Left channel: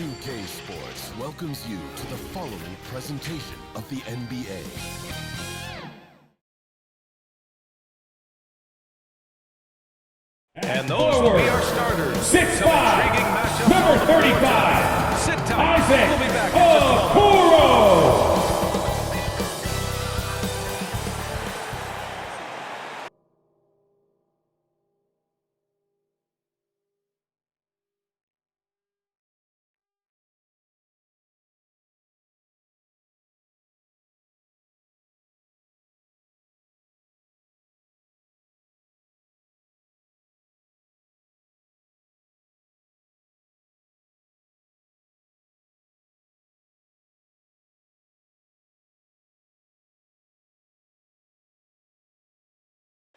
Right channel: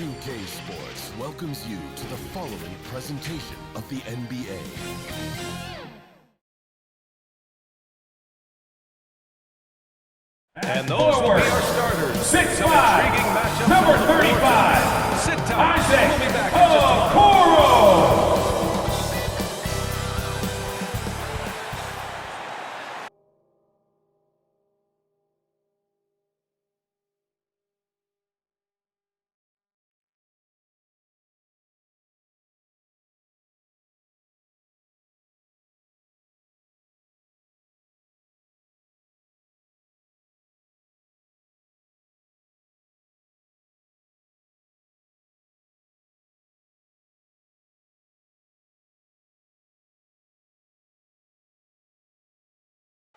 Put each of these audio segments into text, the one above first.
2K Sports welcomes you to the following presentation of the NBA. And those will be our starters. 6'5", some intriguing matchups number on the floor 35, tonight. Sit tight. We'll be back in just a moment. Okoro.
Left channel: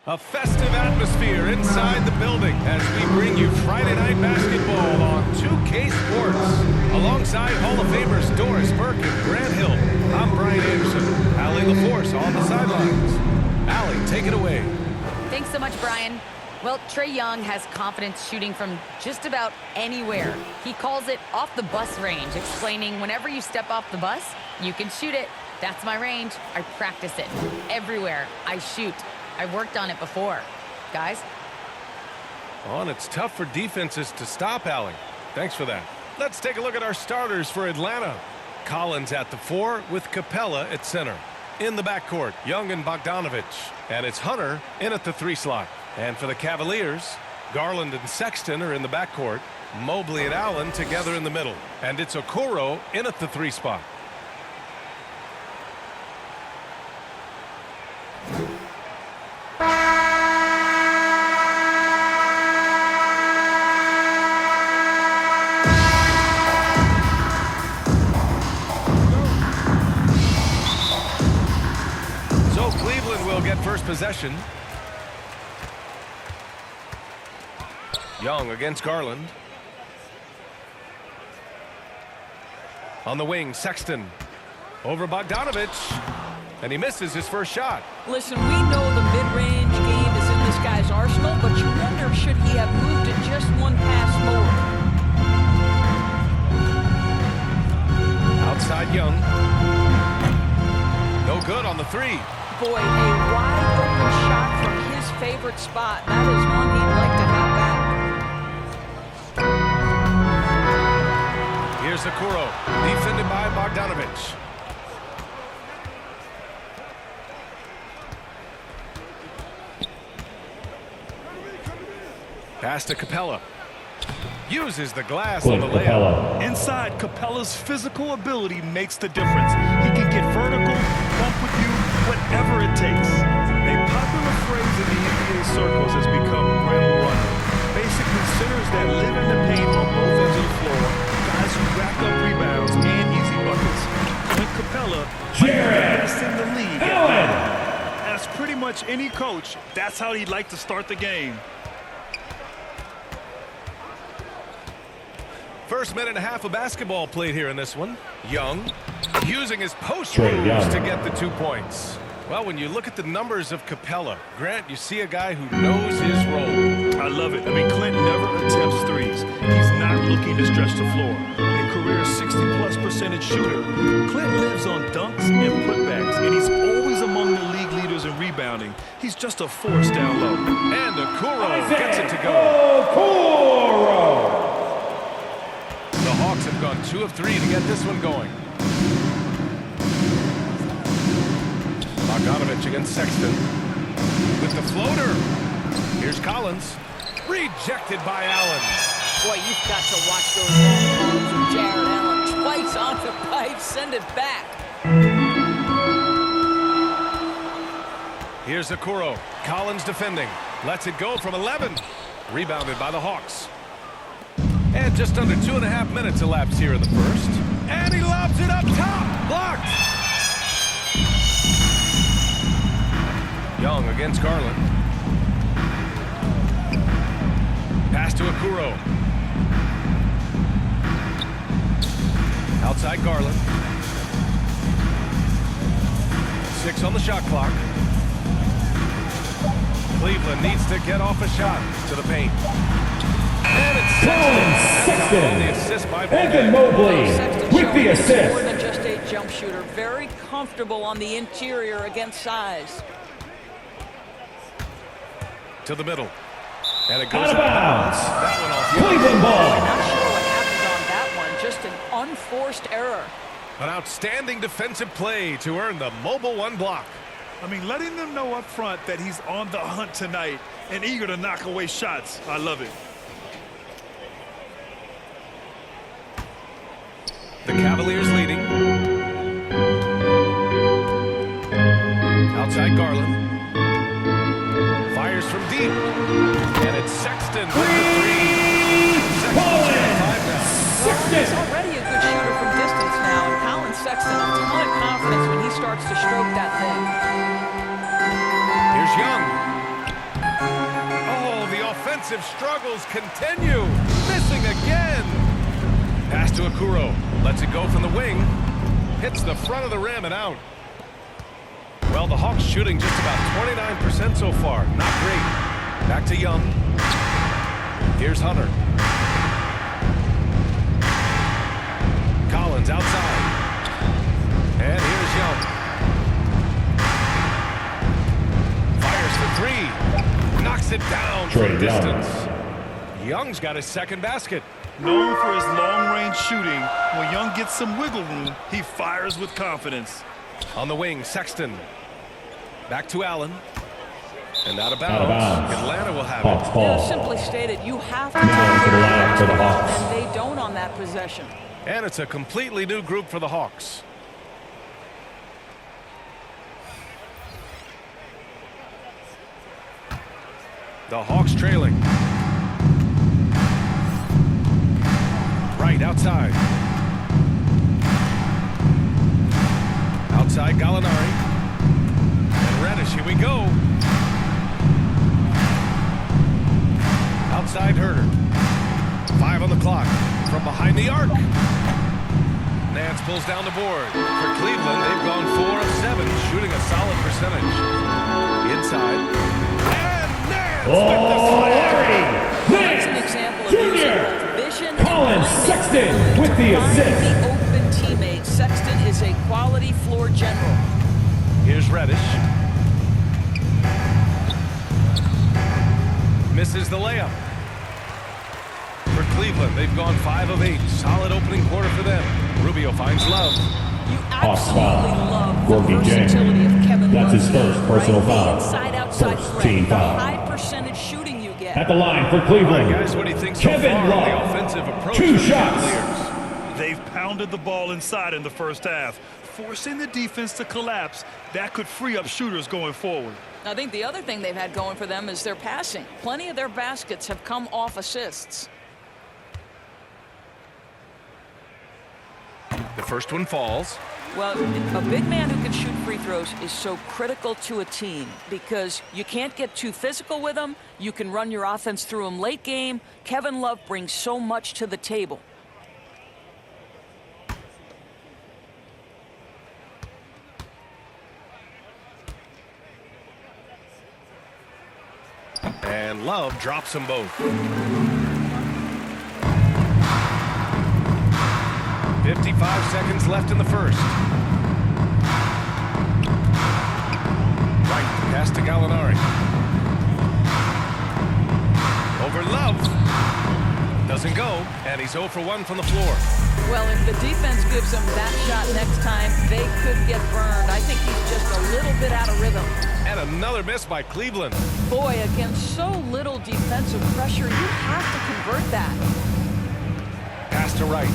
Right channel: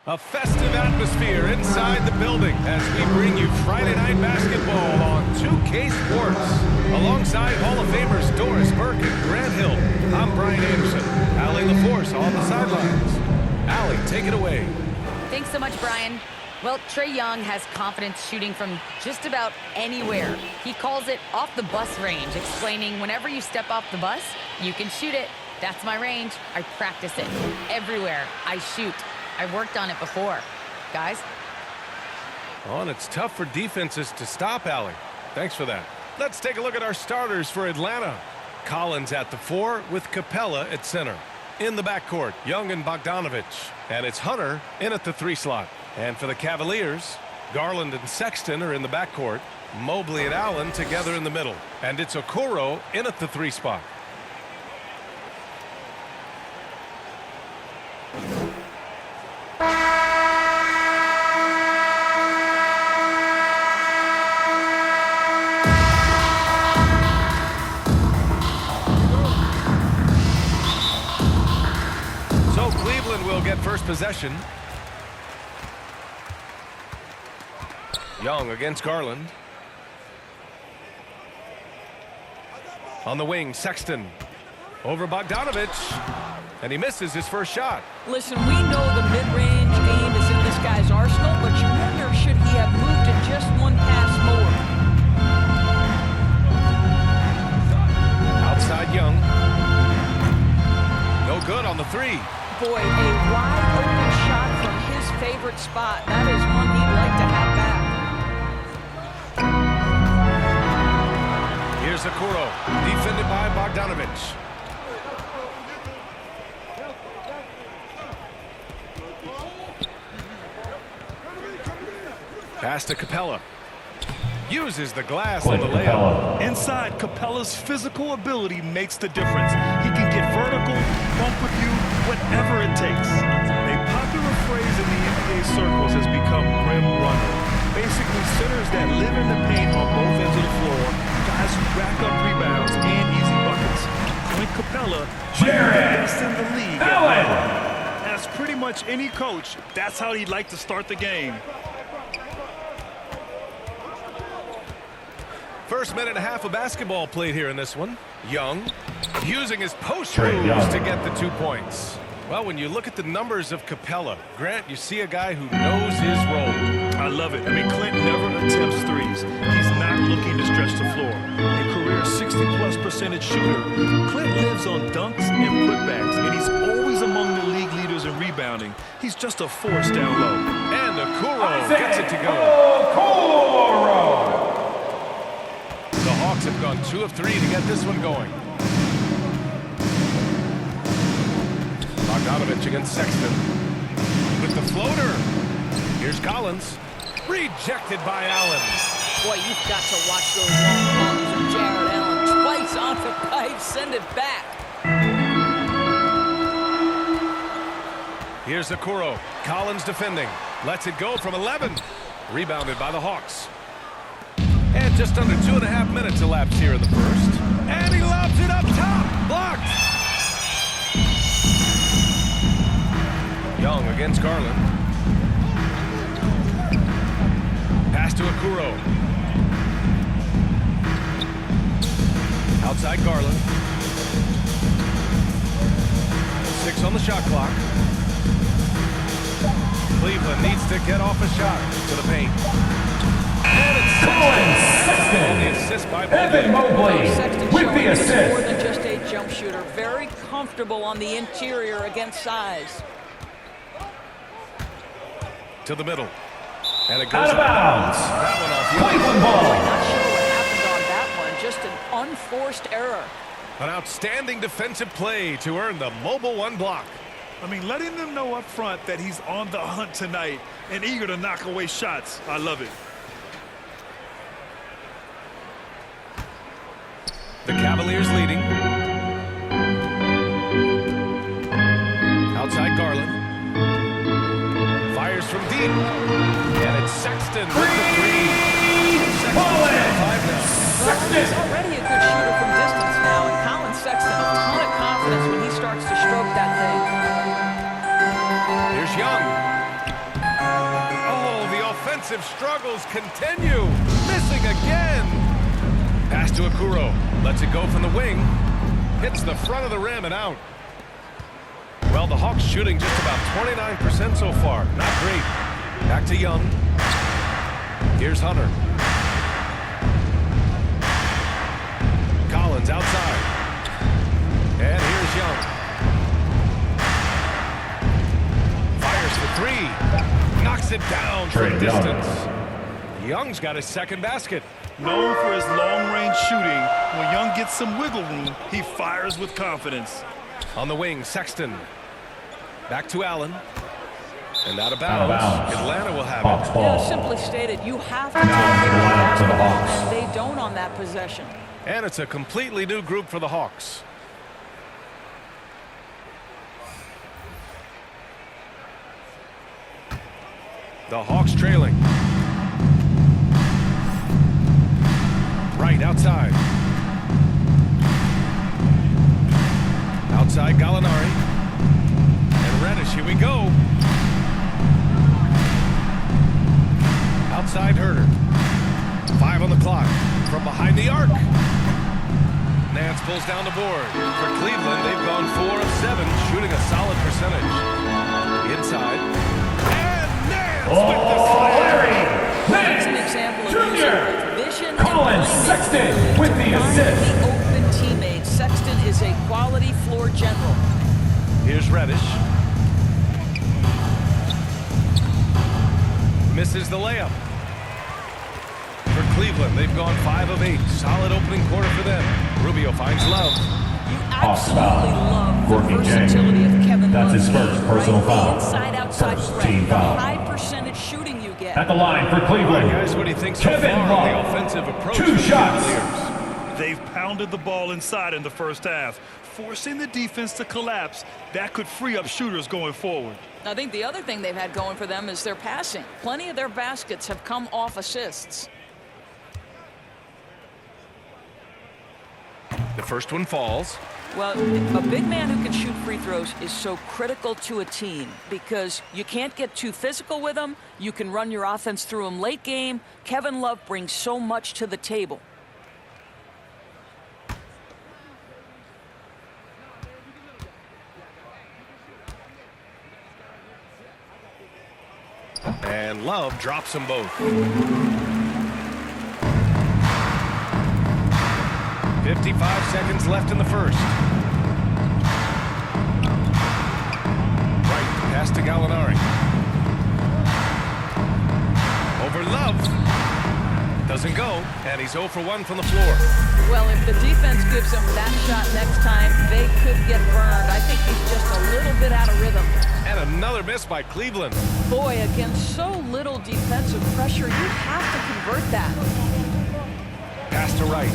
A festive atmosphere inside the building as we bring you Friday Night Basketball on 2K Sports. Alongside Hall of Famers Doris Burke and Grant Hill, I'm Brian Anderson. Allie LaForce on the sidelines. Allie, take it away. Thanks so much, Brian. Well, Trae Young has confidence shooting from just about anywhere. He calls it off the bus range, explaining whenever you step off the bus, you can shoot it. That's my range. I practice it. Everywhere I shoot. I've worked on it before. Guys? Oh, and it's tough for defenses to stop, Allie. Thanks for that. Let's take a look at our starters for Atlanta. Collins at the 4 with Capella at center. In the backcourt, Young and Bogdanovich. And it's Hunter in at the 3 slot. And for the Cavaliers, Garland and Sexton are in the backcourt. Mobley and Allen together in the middle. And it's Okoro in at the 3 spot. So Cleveland will get first possession. Young against Garland. On the wing, Sexton. Over Bogdanovich. And he misses his first shot. Listen, we know the mid-range game is in this guy's arsenal, but you wonder, should he have moved it just one pass more? Outside Young. No good on the 3. Boy, a wide-open shot from his favorite spot. That is one he'd like to have back. Here's Okoro, defended by Bogdanovich. Pass to Capella. Uses the glass on the layup. Inside, Capella's physical ability makes the difference. He can get vertical, bump with you, whatever it takes. A popular phrase in the NBA circles has become rim runner. Basically, centers that live in the paint on both ends of the floor, guys who rack up rebounds and easy buckets. Clint Capella might be the best in the league at rim running. As pretty much any coach, that's how he'd like to start the game. First minute and a half of basketball played here in this one. Young using his post moves to get the 2 points. Well, when you look at the numbers of Capella, Grant, you see a guy who knows his role. I love it. I mean, Clint never attempts threes. He's not looking to stretch the floor. A career 60+% shooter, Clint lives on dunks and putbacks, and he's always among the league leaders in rebounding. He's just a force down low. And Okoro gets it to go. Okoro. The Hawks have gone 2 of 3 to get this one going. Bogdanovich against Sexton. With the floater. Here's Collins. Rejected by Allen. Boy, you've got to watch those long balls of Jared Allen. Twice on the pipe, send it back. Here's Okoro. Collins defending. Lets it go from 11. Rebounded by the Hawks. And just under 2.5 minutes elapsed here in the first. And he lobs it up top. Blocked. Young against Garland. Pass to Okuro. Outside Garland. 6 on the shot clock. Cleveland needs to get off a shot to the paint. And it's Sexton. On the assist by Mobley Sexton with showing the he's assist. more than just a jump shooter. Very comfortable on the interior against size. To the middle. And it goes Out of bounds. That one off Cleveland Boy, ball. not sure what happened on that one. Just an unforced error. An outstanding defensive play to earn the Mobile One block. I mean, letting them know up front that he's on the hunt tonight and eager to knock away shots. I love it. The Cavaliers leading. Outside Garland. Fires from deep. And it's Sexton with the three. Sexton's got 5 now. Well, he's already a good shooter from distance now, and Colin Sexton a ton of confidence when he starts to stroke that thing. Here's Young. Oh, the offensive struggles continue. Missing again. Pass to Okuro. Lets it go from the wing. Hits the front of the rim and out. Well, the Hawks shooting just about 29% so far. Not great. Back to Young. Here's Hunter. Collins outside. And here's Young. Fires for 3. Knocks it down from distance. Young's got his second basket. Known for his long-range shooting, when Young gets some wiggle room, he fires with confidence. On the wing, Sexton. Back to Allen. And out of Out of bounds. bounds. Atlanta will have Hawks it. ball. Simply stated, you have to take care of the lineup for the basketball, Hawks. and they don't on that possession. And it's a completely new group for the Hawks. The Hawks trailing. Right outside. Outside Gallinari. And Reddish, here we go. Outside Herter. 5 on the clock. From behind the arc. Nance pulls down the board. For Cleveland, they've gone 4 of 7, shooting a solid percentage. Inside. And Nance with the slam. That's an example of using both vision Colin and Sexton playmaking with to the find assist. the open teammates. Sexton is a quality floor general. Here's Reddish. Misses the layup. For Cleveland, they've gone 5 of 8. Solid opening quarter for them. Rubio finds Love. You Hawks absolutely foul. love the Gorgie James. versatility of Kevin That's Love's his first game, personal right? foul. The inside-outside First threat, team the foul. high percentage shooting you get. At the line for All right, Cleveland. guys, what do you think so Kevin far on the Love. offensive approach 2 for the shots. Cavaliers? They've pounded the ball inside in the first half, forcing the defense to collapse. That could free up shooters going forward. I think the other thing they've had going for them is their passing. Plenty of their baskets have come off assists. The first one falls. Well, a big man who can shoot free throws is so critical to a team because you can't get too physical with him. You can run your offense through him late game. Kevin Love brings so much to the table. And Love drops them both. 55 seconds left in the first. Right, the pass to Gallinari. Over Love. Doesn't go, and he's 0 for 1 from the floor. Well, if the defense gives him that shot next time, they could get burned. I think he's just a little bit out of rhythm. And another miss by Cleveland. Boy, against so little defensive pressure, you have to convert that. Pass to Wright.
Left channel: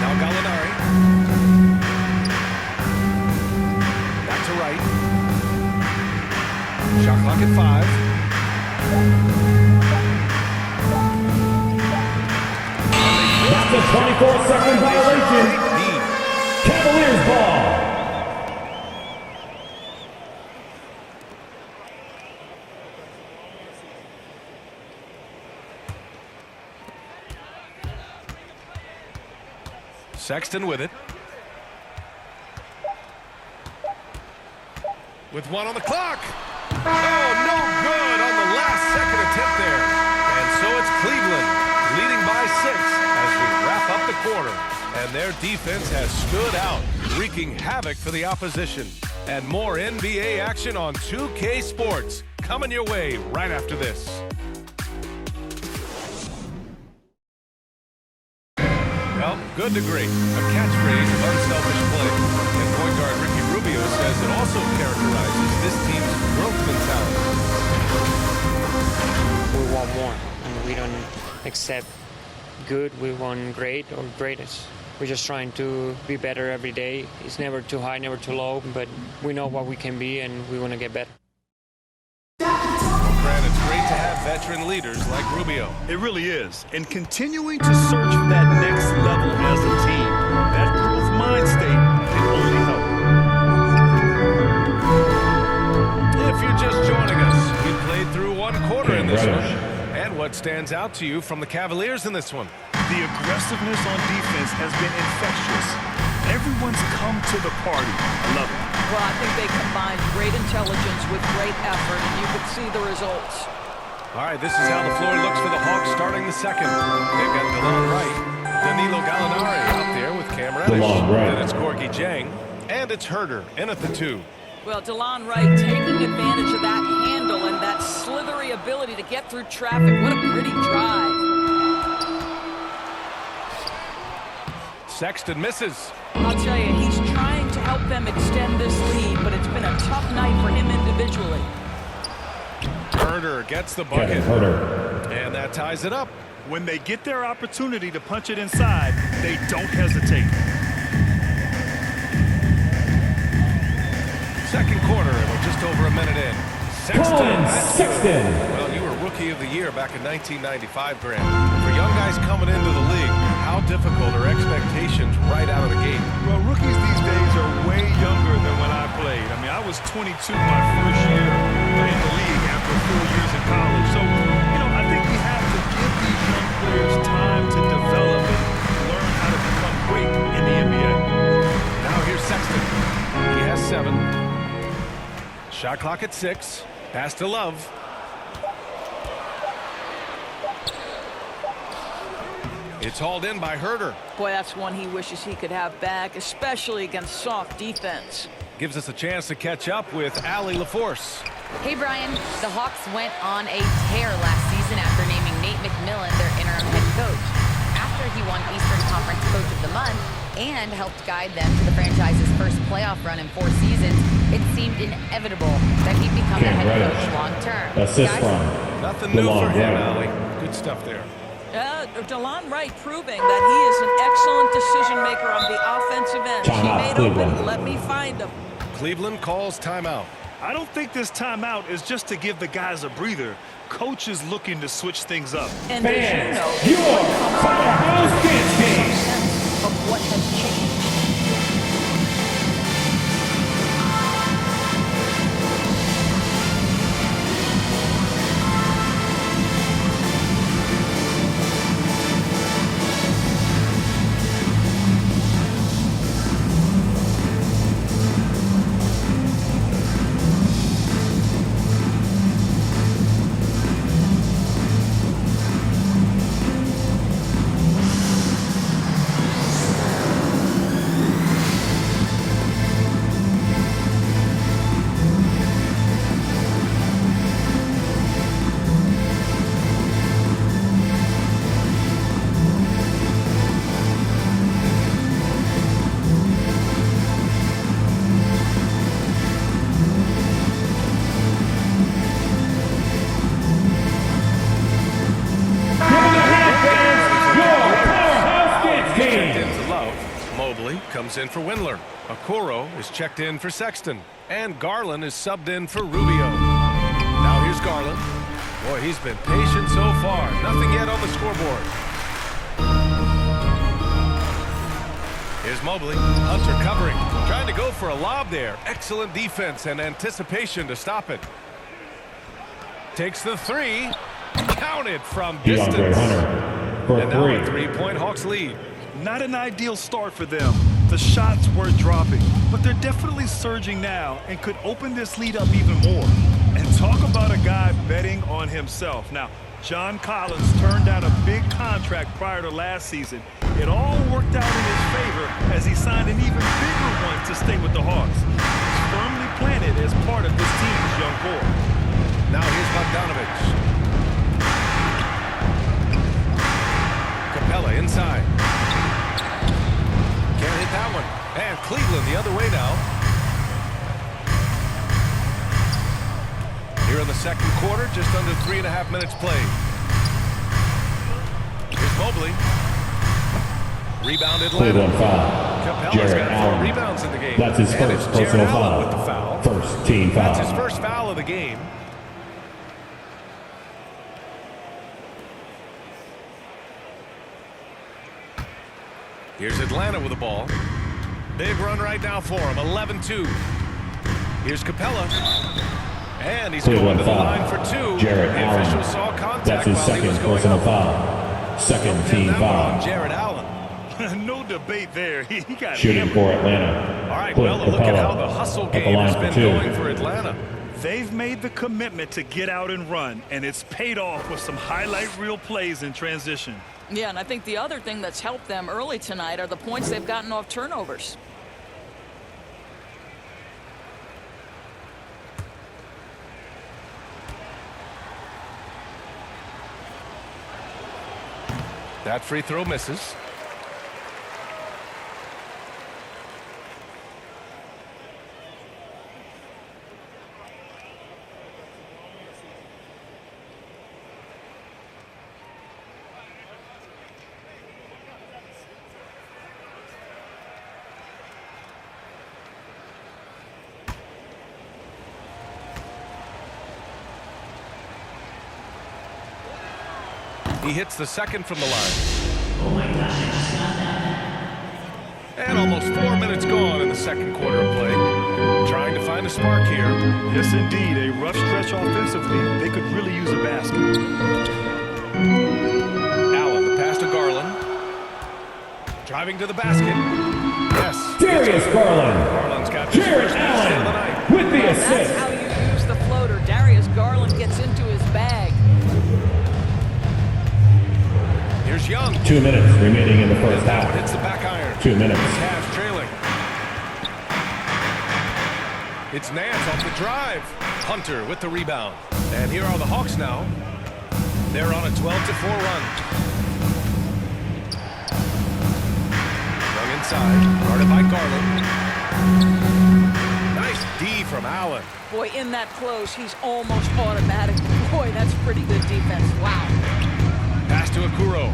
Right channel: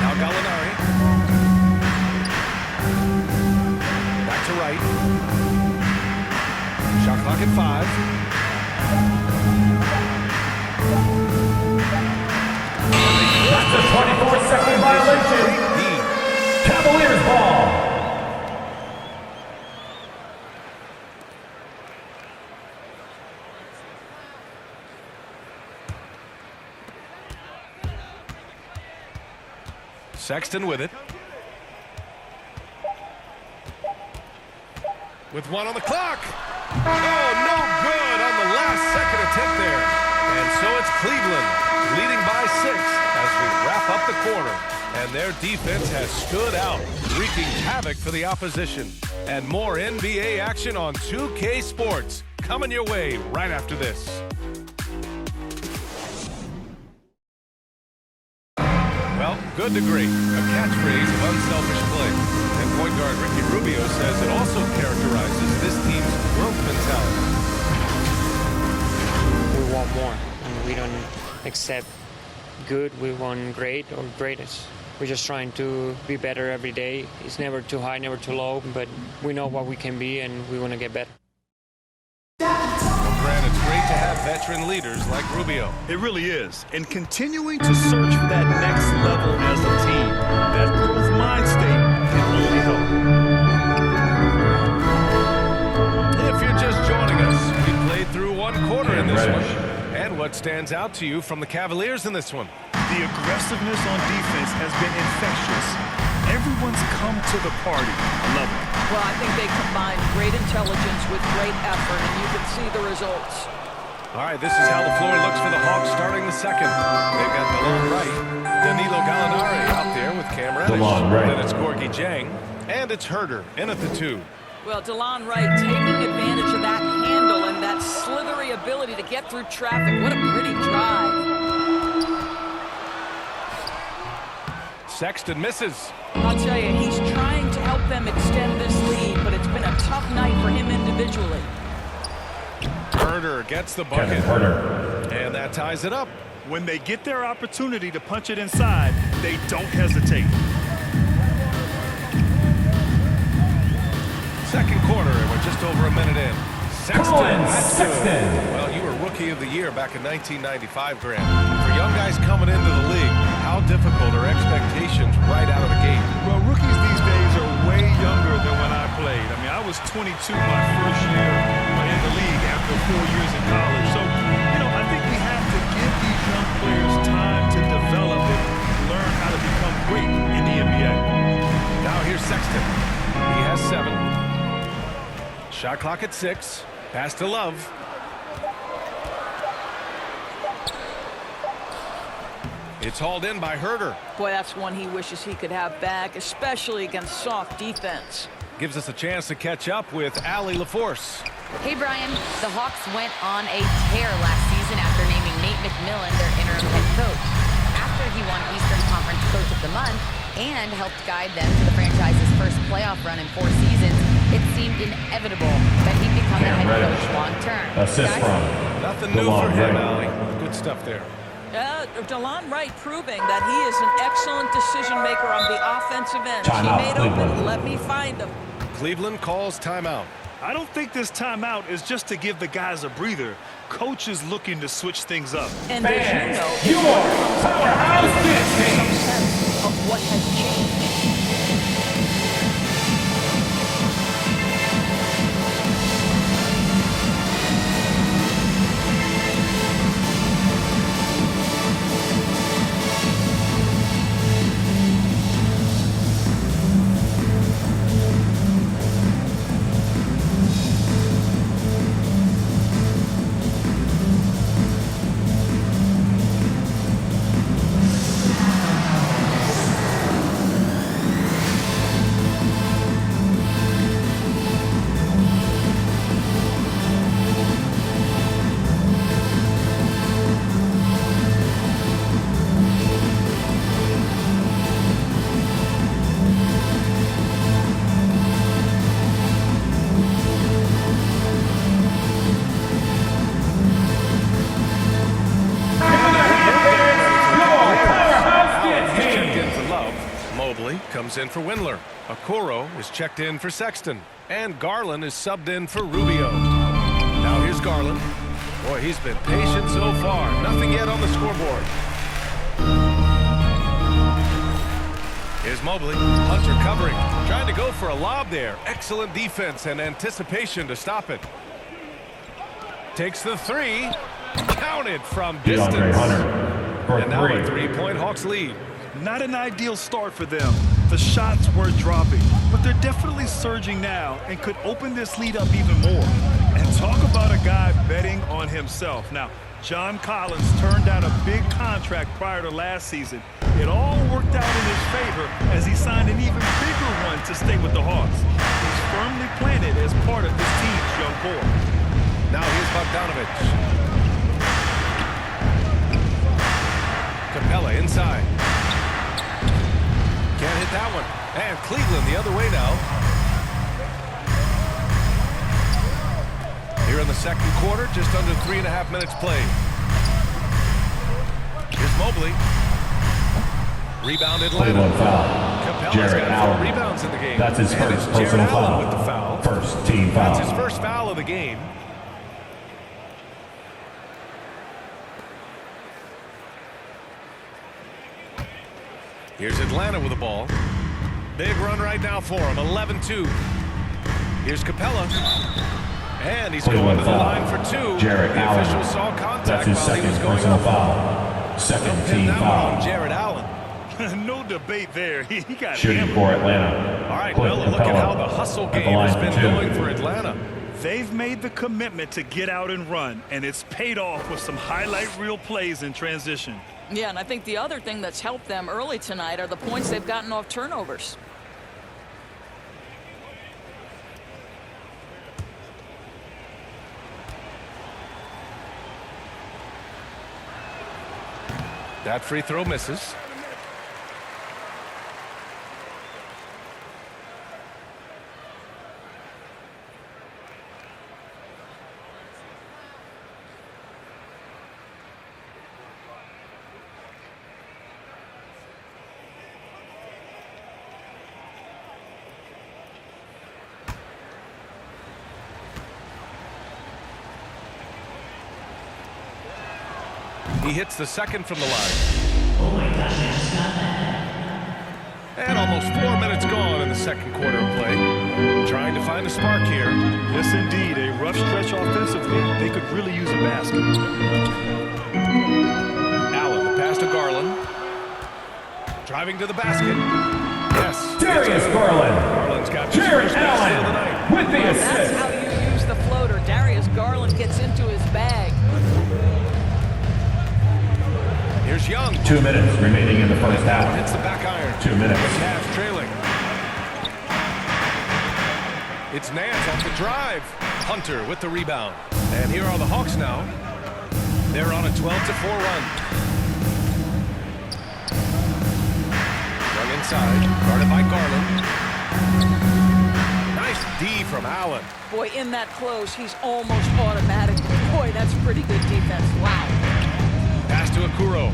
Now Gallinari. Back to Wright. Shot clock at 5. That's a 24-second violation. Great D. Cavaliers ball. Sexton with it. With one on the clock. Oh, no good on the last second attempt there. And so it's Cleveland leading by 6 as we wrap up the quarter. And their defense has stood out, wreaking havoc for the opposition. And more NBA action on 2K Sports coming your way right after this. Well, good to great. A catchphrase of unselfish play. And point guard Ricky Rubio says it also characterizes this team's growth mentality. We want more, and we don't accept good. We want great or greatest. We're just trying to be better every day. It's never too high, never too low, but we know what we can be, and we want to get better. Well, Grant, it's great to have veteran leaders like Rubio. It really is. And continuing to search for that next level as a team, that growth mind state can only help. If you're just joining us, we played through one quarter in this one. Reddish. And what stands out to you from the Cavaliers in this one? The aggressiveness on defense has been infectious. Everyone's come to the party. I love it. Well, I think they combined great intelligence with great effort, and you can see the results. All right, this is how the floor looks for the Hawks starting the second. They've got DeLon Wright, Danilo Gallinari out there with Cam Reddish. DeLon Wright. Then it's Gorgie Jang, and it's Herter in at the 2. Well, DeLon Wright taking advantage of that handle and that slithery ability to get through traffic. What a pretty drive. Sexton misses. I'll tell you, he's trying to help them extend this lead, but it's been a tough night for him individually. Herter gets the Kevin bucket. Herter. And that ties it up. When they get their opportunity to punch it inside, they don't hesitate. Second quarter, and we're just over a minute in. Sexton, Colin that's Sexton. good. Well, you were Rookie of the Year back in 1995, Grant. For young guys coming into the league, how difficult are expectations right out of the gate? Well, rookies these days are way younger than when I played. I mean, I was 22 my first year in the league after 4 years in college. So, I think we have to give these young players time to develop and learn how to become great in the NBA. Now here's Sexton. He has 7. Shot clock at 6. Pass to Love. It's hauled in by Herter. Boy, that's one he wishes he could have back, especially against soft defense. Gives us a chance to catch up with Allie LaForce. Hey, Brian. The Hawks went on a tear last season after naming Nate McMillan their interim head coach. After he won Eastern Conference Coach of the Month and helped guide them to the franchise's first playoff run in 4 seasons, it seemed inevitable that he'd become the Cam head Reddish. coach long-term. Assist Guys, from Nothing new DeLon for him, Wright. Allie. Good stuff there. DeLon Wright proving that he is an excellent decision maker on the offensive end. Timeout, Teammate Cleveland. open, let me find him. Cleveland calls timeout. I don't think this timeout is just to give the guys a breather. Coach is looking to switch things up. And as you Fans, know, your it's what comes powerhouse after that gives you game. some sense of what has changed. Mobley comes in for Windler. Okoro is checked in for Sexton. And Garland is subbed in for Rubio. Now here's Garland. Boy, he's been patient so far. Nothing yet on the scoreboard. Here's Mobley. Hunter covering. Trying to go for a lob there. Excellent defense and anticipation to stop it. Takes the 3. Counted from DeAndre distance. Hunter for And now a 3. 3-point Hawks lead. Not an ideal start for them. The shots were dropping, but they're definitely surging now and could open this lead up even more. And talk about a guy betting on himself. Now, John Collins turned down a big contract prior to last season. It all worked out in his favor as he signed an even bigger one to stay with the Hawks. He's firmly planted as part of this team's young core. Now here's Bogdanovich. Capella inside. Can't hit that one. And Cleveland the other way now. Here in the second quarter, just under 3.5 minutes played. Here's Mobley. Rebound Atlanta. Cleveland foul. Capella's Jared got 4 Allen. rebounds in the game. That's his And first it's Jared personal Allen foul. with the foul. First team foul. That's his first foul of the game. Here's Atlanta with the ball. Big run right now for him. 11-2. Here's Capella. And he's Cleveland going to the foul. line for 2. Jared the Allen. official saw That's contact his while he second was going personal up. foul. Second Don't pin team that one foul. on Jared Allen. No debate there. He got Shooting hammered. for Atlanta. All right, Clint well, look at Capella how the hustle at the game line has for been 2. going for Atlanta. They've made the commitment to get out and run, and it's paid off with some highlight reel plays in transition. Yeah, and I think the other thing that's helped them early tonight are the points they've gotten off turnovers. That free throw misses. He hits the second from the line. Oh my gosh, I just got that. And almost 4 minutes gone in the second quarter of play. Trying to find a spark here. Yes, indeed. A rough stretch offensively. They could really use a basket. Allen, the pass to Garland. Driving to the basket. Yes. Darius it's good. Garland. Garland's got his Jared first basket of the Allen night. with the Well, that's assist. how you use the floater. Darius Garland gets into his bag. Here's Young. 2 minutes remaining in the first And that one half. hits the back iron. 2 minutes. The Cavs trailing. It's Nance off the drive. Hunter with the rebound. And here are the Hawks now. They're on a 12-4 run. Run inside. Guarded by Garland. Nice D from Allen. Boy, in that close, he's almost automatic. Boy, that's pretty good defense. Wow. Pass to Okuro.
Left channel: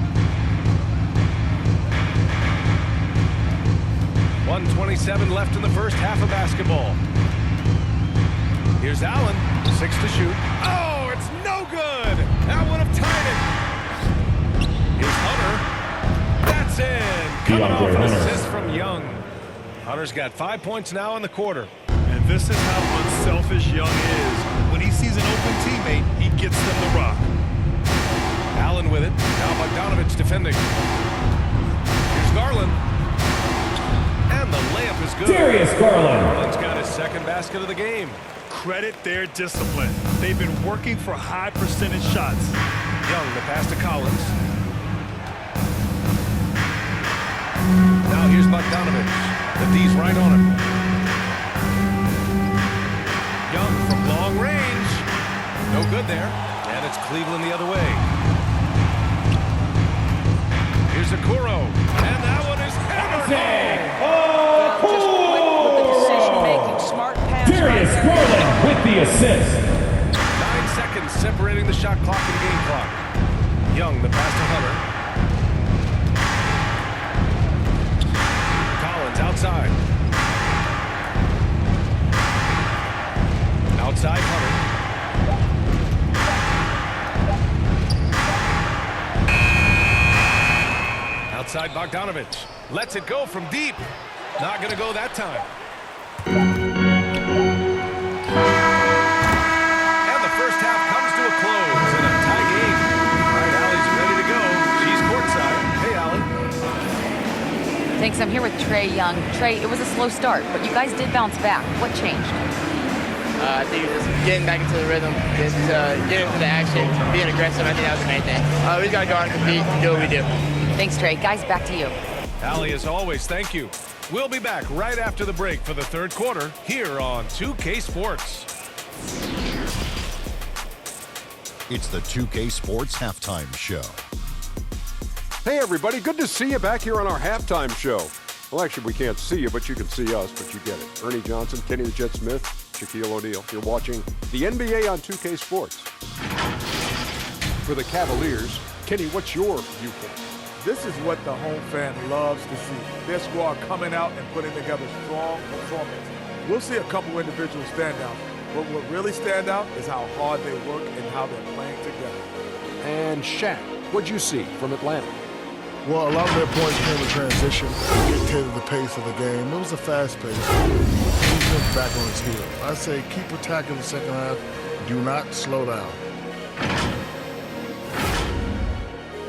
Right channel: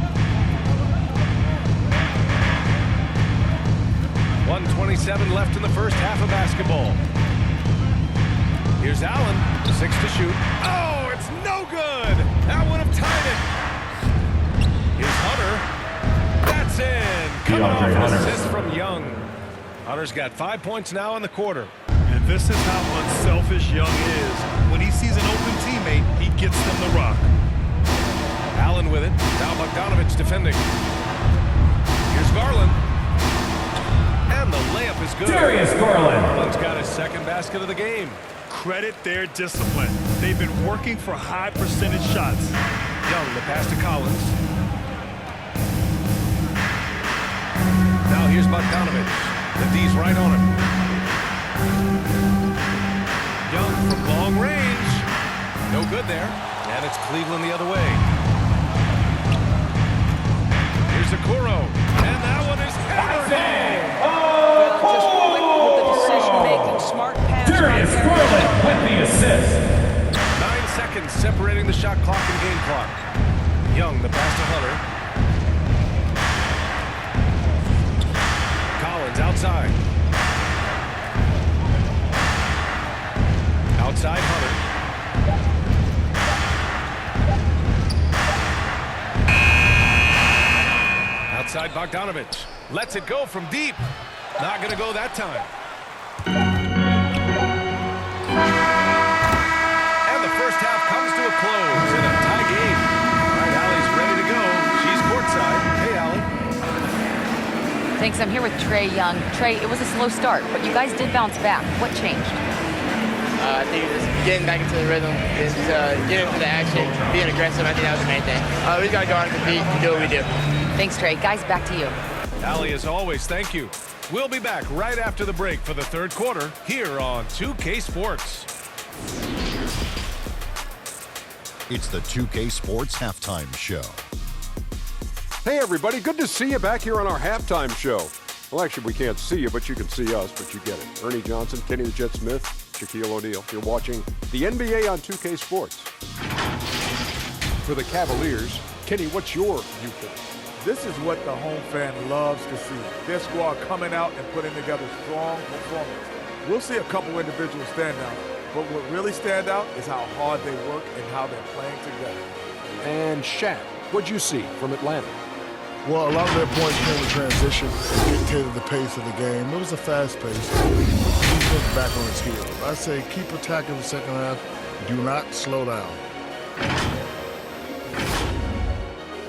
1:27 left in the first half of basketball. Here's Allen, 6 to shoot. Oh, it's no good. That would have tied it. Here's Hunter. That's in. Coming off an Hunter. assist from Young. Hunter's got 5 points now in the quarter. And this is how unselfish Young is. When he sees an open teammate, he gets them the rock. Allen with it. Now Bogdanovich defending. Here's Garland. And the layup is good. Darius Garland. Garland's got his second basket of the game. Credit their discipline. They've been working for high percentage shots. Young, the pass to Collins. Now here's Bogdanovich. The D's right on him. Young from long range. No good there. And it's Cleveland the other way. Here's Okuro. And that one is hammered home. Well, just quick with the decision-making, smart pass. Darius by Garland with the assist. 9 seconds separating the shot clock and game clock. Young, the pass to Hunter. Collins outside. Outside Hunter. Outside Bogdanovich. Lets it go from deep. Not going to go that time. And the first half comes to a close in a tie game. All right, Allie's ready to go. She's courtside. Hey, Allie. Thanks. I'm here with Trae Young. Trae, it was a slow start, but you guys did bounce back. What changed? I think just getting back into the rhythm, just getting into the action, being aggressive. I think that was the main thing. We just got to go out and compete and do what we do. Thanks, Trae. Guys, back to you. Allie, as always, thank you. We'll be back right after the break for the third quarter here on 2K Sports. It's the 2K Sports Halftime Show. Hey, everybody. Good to see you back here on our halftime show. Well, actually, we can't see you, but you can see us, but you get it. Ernie Johnson, Kenny the Jet Smith, Shaquille O'Neal. You're watching the NBA on 2K Sports. For the Cavaliers, Kenny, what's your viewpoint? This is what the home fan loves to see. Their squad coming out and putting together strong performance. We'll see a couple individual standouts, but what really stand out is how hard they work and how they're playing together. And Shaq, what'd you see from Atlanta? Well, a lot of their points came with transition and dictated the pace of the game. It was a fast pace. Defense back on its heels. I say keep attacking the second half. Do not slow down.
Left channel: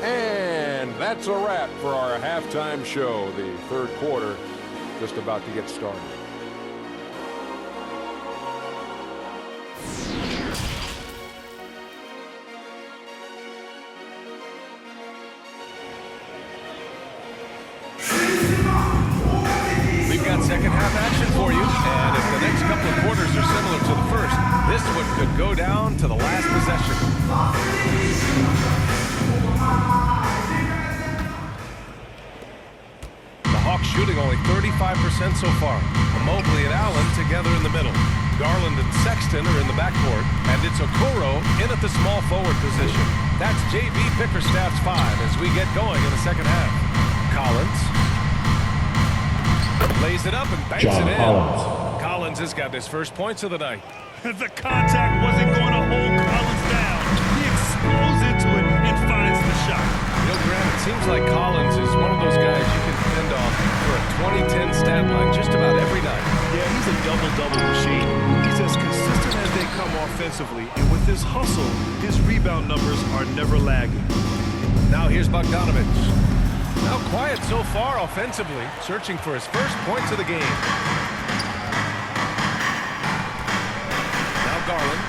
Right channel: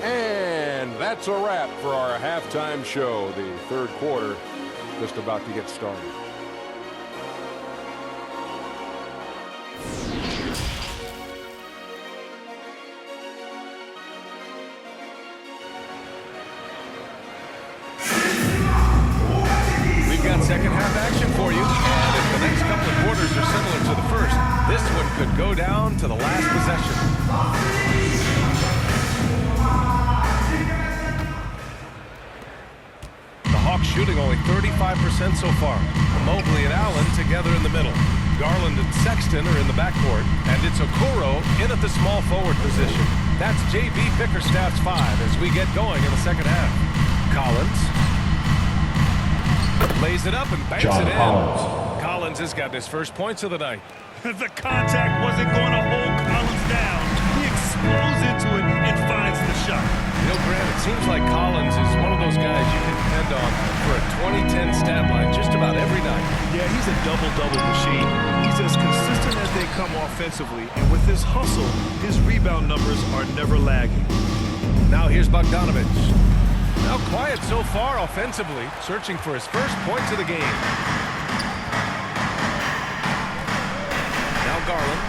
And that's a wrap for our halftime show. The third quarter just about to get started. We've got second half action for you, and if the next couple of quarters are similar to the first, this one could go down to the last possession. The Hawks shooting only 35% so far. Mobley and Allen together in the middle. Garland and Sexton are in the backcourt, and it's Okoro in at the small forward position. That's J.B. Bickerstaff's 5 as we get going in the second half. Collins lays it up and banks it in. Collins has got his first points of the night. The contact wasn't going to hold Collins down. He explodes into it and finds the shot. You know, Grant, it seems like Collins is one of those guys you can depend on for a 2010 stat line just about every night. Yeah, he's a double-double machine. He's as consistent as they come offensively, and with his hustle, his rebound numbers are never lagging. Now here's Bogdanovich. Now quiet so far offensively, searching for his first points of the game. Now Garland.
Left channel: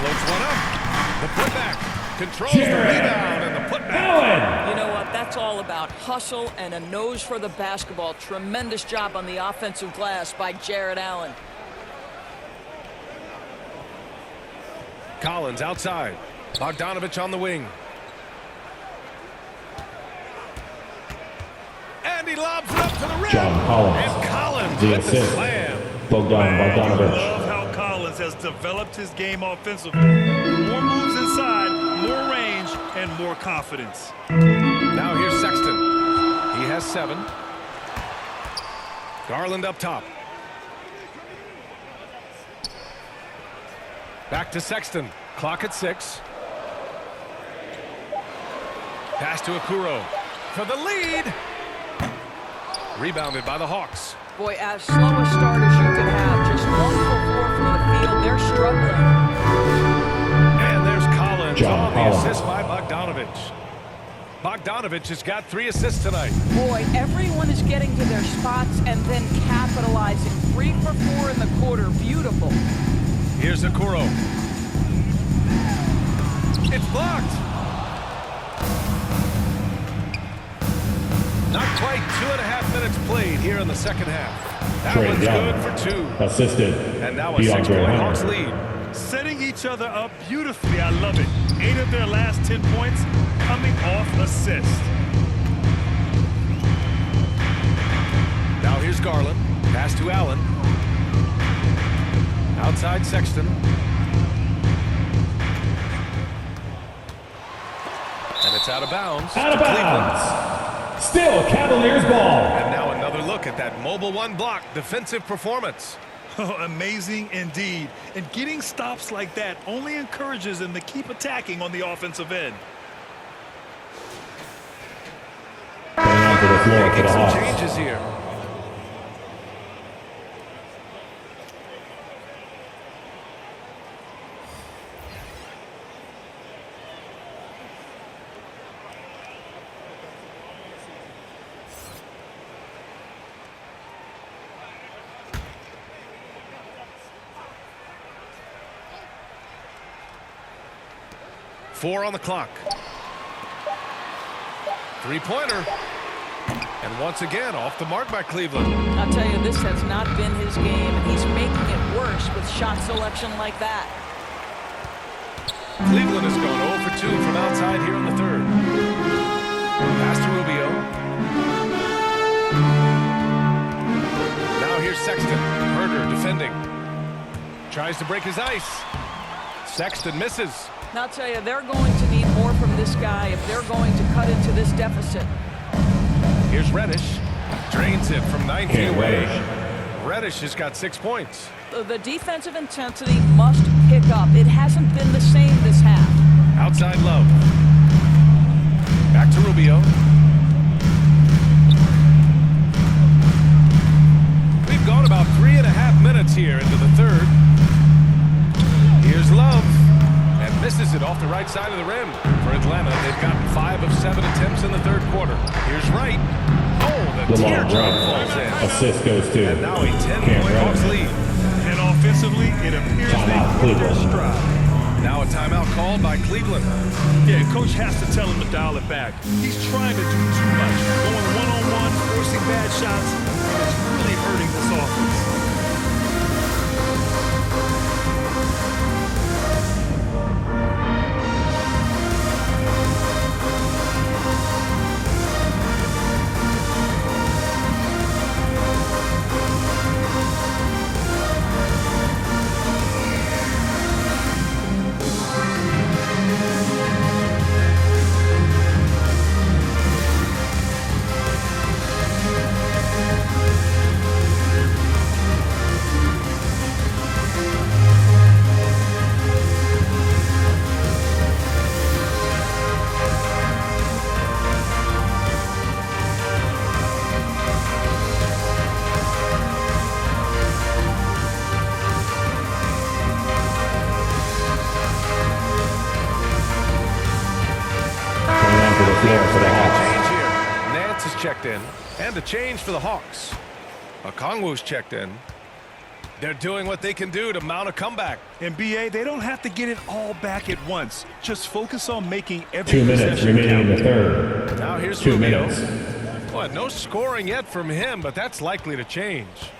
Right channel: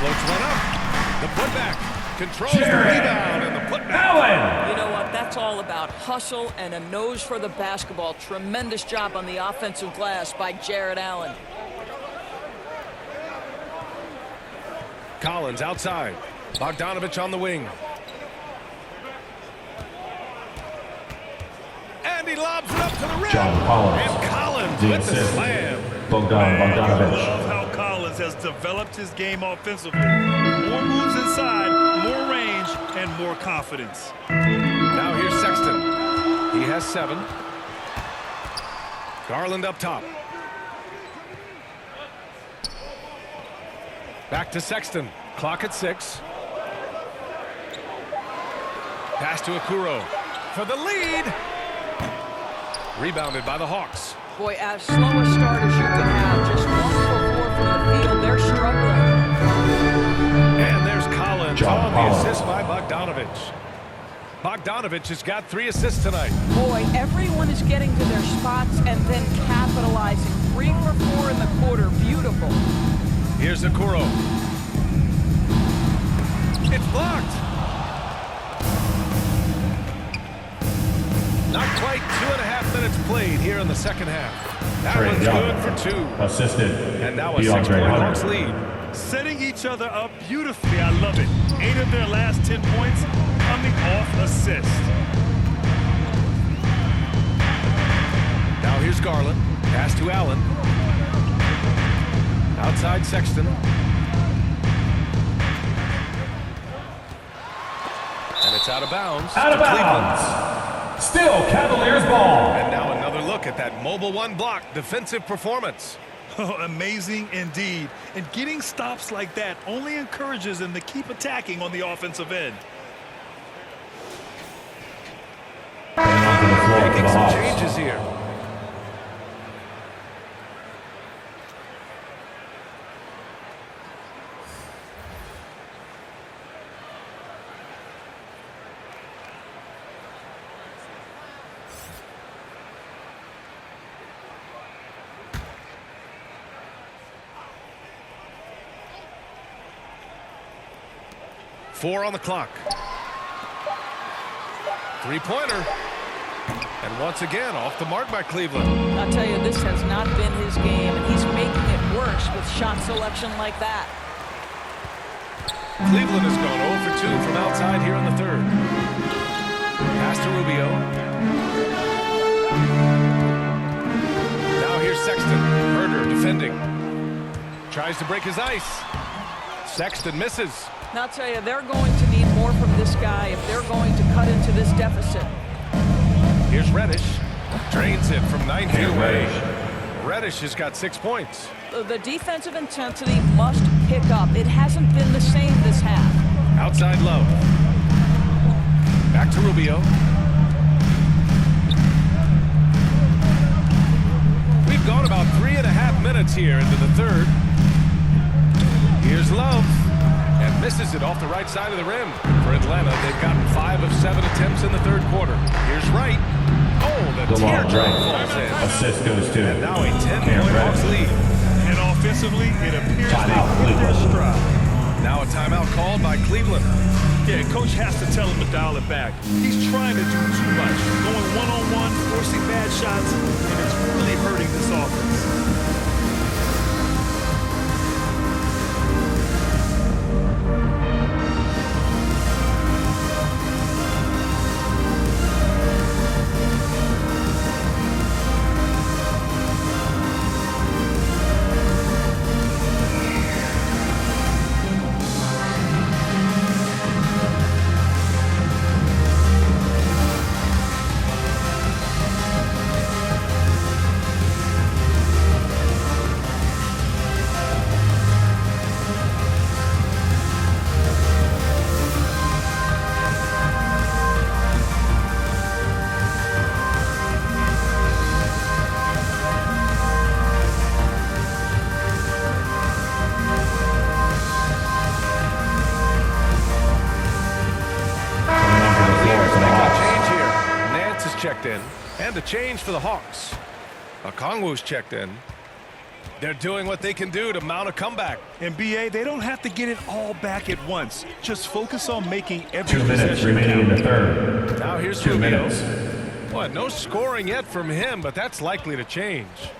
Floats one up. The putback. Controls the rebound and the putback. You know what? That's all about hustle and a nose for the basketball. Tremendous job on the offensive glass by Jared Allen. Collins outside. Bogdanovich on the wing. And he lobs it up to the rim. And Collins with the slam. Bogdanovich. I love how Collins has developed his game offensively. More moves inside, more range, and more confidence. Now here's Sexton. He has 7. Garland up top. Back to Sexton. Clock at 6. Pass to Okoro for the lead. Rebounded by the Hawks. Boy, as slow a start as you could have, just 1 for 4 from the field. They're struggling. And there's Collins on the assist by Bogdanovich. Bogdanovich has got 3 assists tonight. Boy, everyone is getting to their spots and then capitalizing. 3 for 4 in the quarter. Beautiful. Here's Okoro. It's blocked. Not quite 2.5 minutes played here in the second half. That one's good for 2. Assisted. And now a 6-point Hawks lead. Setting each other up beautifully. I love it. 8 of their last 10 points coming off assist. Now here's Garland. Pass to Allen. Outside Sexton. And it's out of bounds. Out of bounds. Still Cavaliers ball. And now another look at that mobile 1 block defensive performance. Oh, amazing indeed. And getting stops like that only encourages them to keep attacking on the offensive end. Getting onto the floor for Making the some Hawks. changes here. 4 on the clock. Three-pointer. And once again, off the mark by Cleveland. I'll tell you, this has not been his game, and he's making it worse with shot selection like that. Cleveland has gone 0 for 2 from outside here in the third. Pass to Rubio. Now here's Sexton. Herder defending. Tries to break his ice. Sexton misses. Now, I'll tell you, they're going to need more from this guy if they're going to cut into this deficit. Here's Reddish. Drains it from 9 feet away. Reddish has got 6 points. The defensive intensity must pick up. It hasn't been the same this half. Outside Love. Back to Rubio. We've gone about 3.5 minutes here into the third. Here's Love. And misses it off the right side of the rim. For Atlanta, they've gotten 5 of 7 attempts in the third quarter. Here's Wright. Oh, the teardrop falls in. Assist goes to. And now a 10-point Hawks lead. And offensively, it appears they hit their stride. Now a timeout called by Cleveland. Yeah, coach has to tell him to dial it back. He's trying to do too much. Going one-on-one, forcing bad shots, and it's really hurting this offense. Is checked in, and a change for the Hawks. Okongwu's checked in. They're doing what they can do to mount a comeback. And BA, they don't have to get it all back at once. Just focus on making every 2 minutes remaining count. in the third. Now here's 2 Rubio. minutes. Boy, no scoring yet from him, but that's likely to change.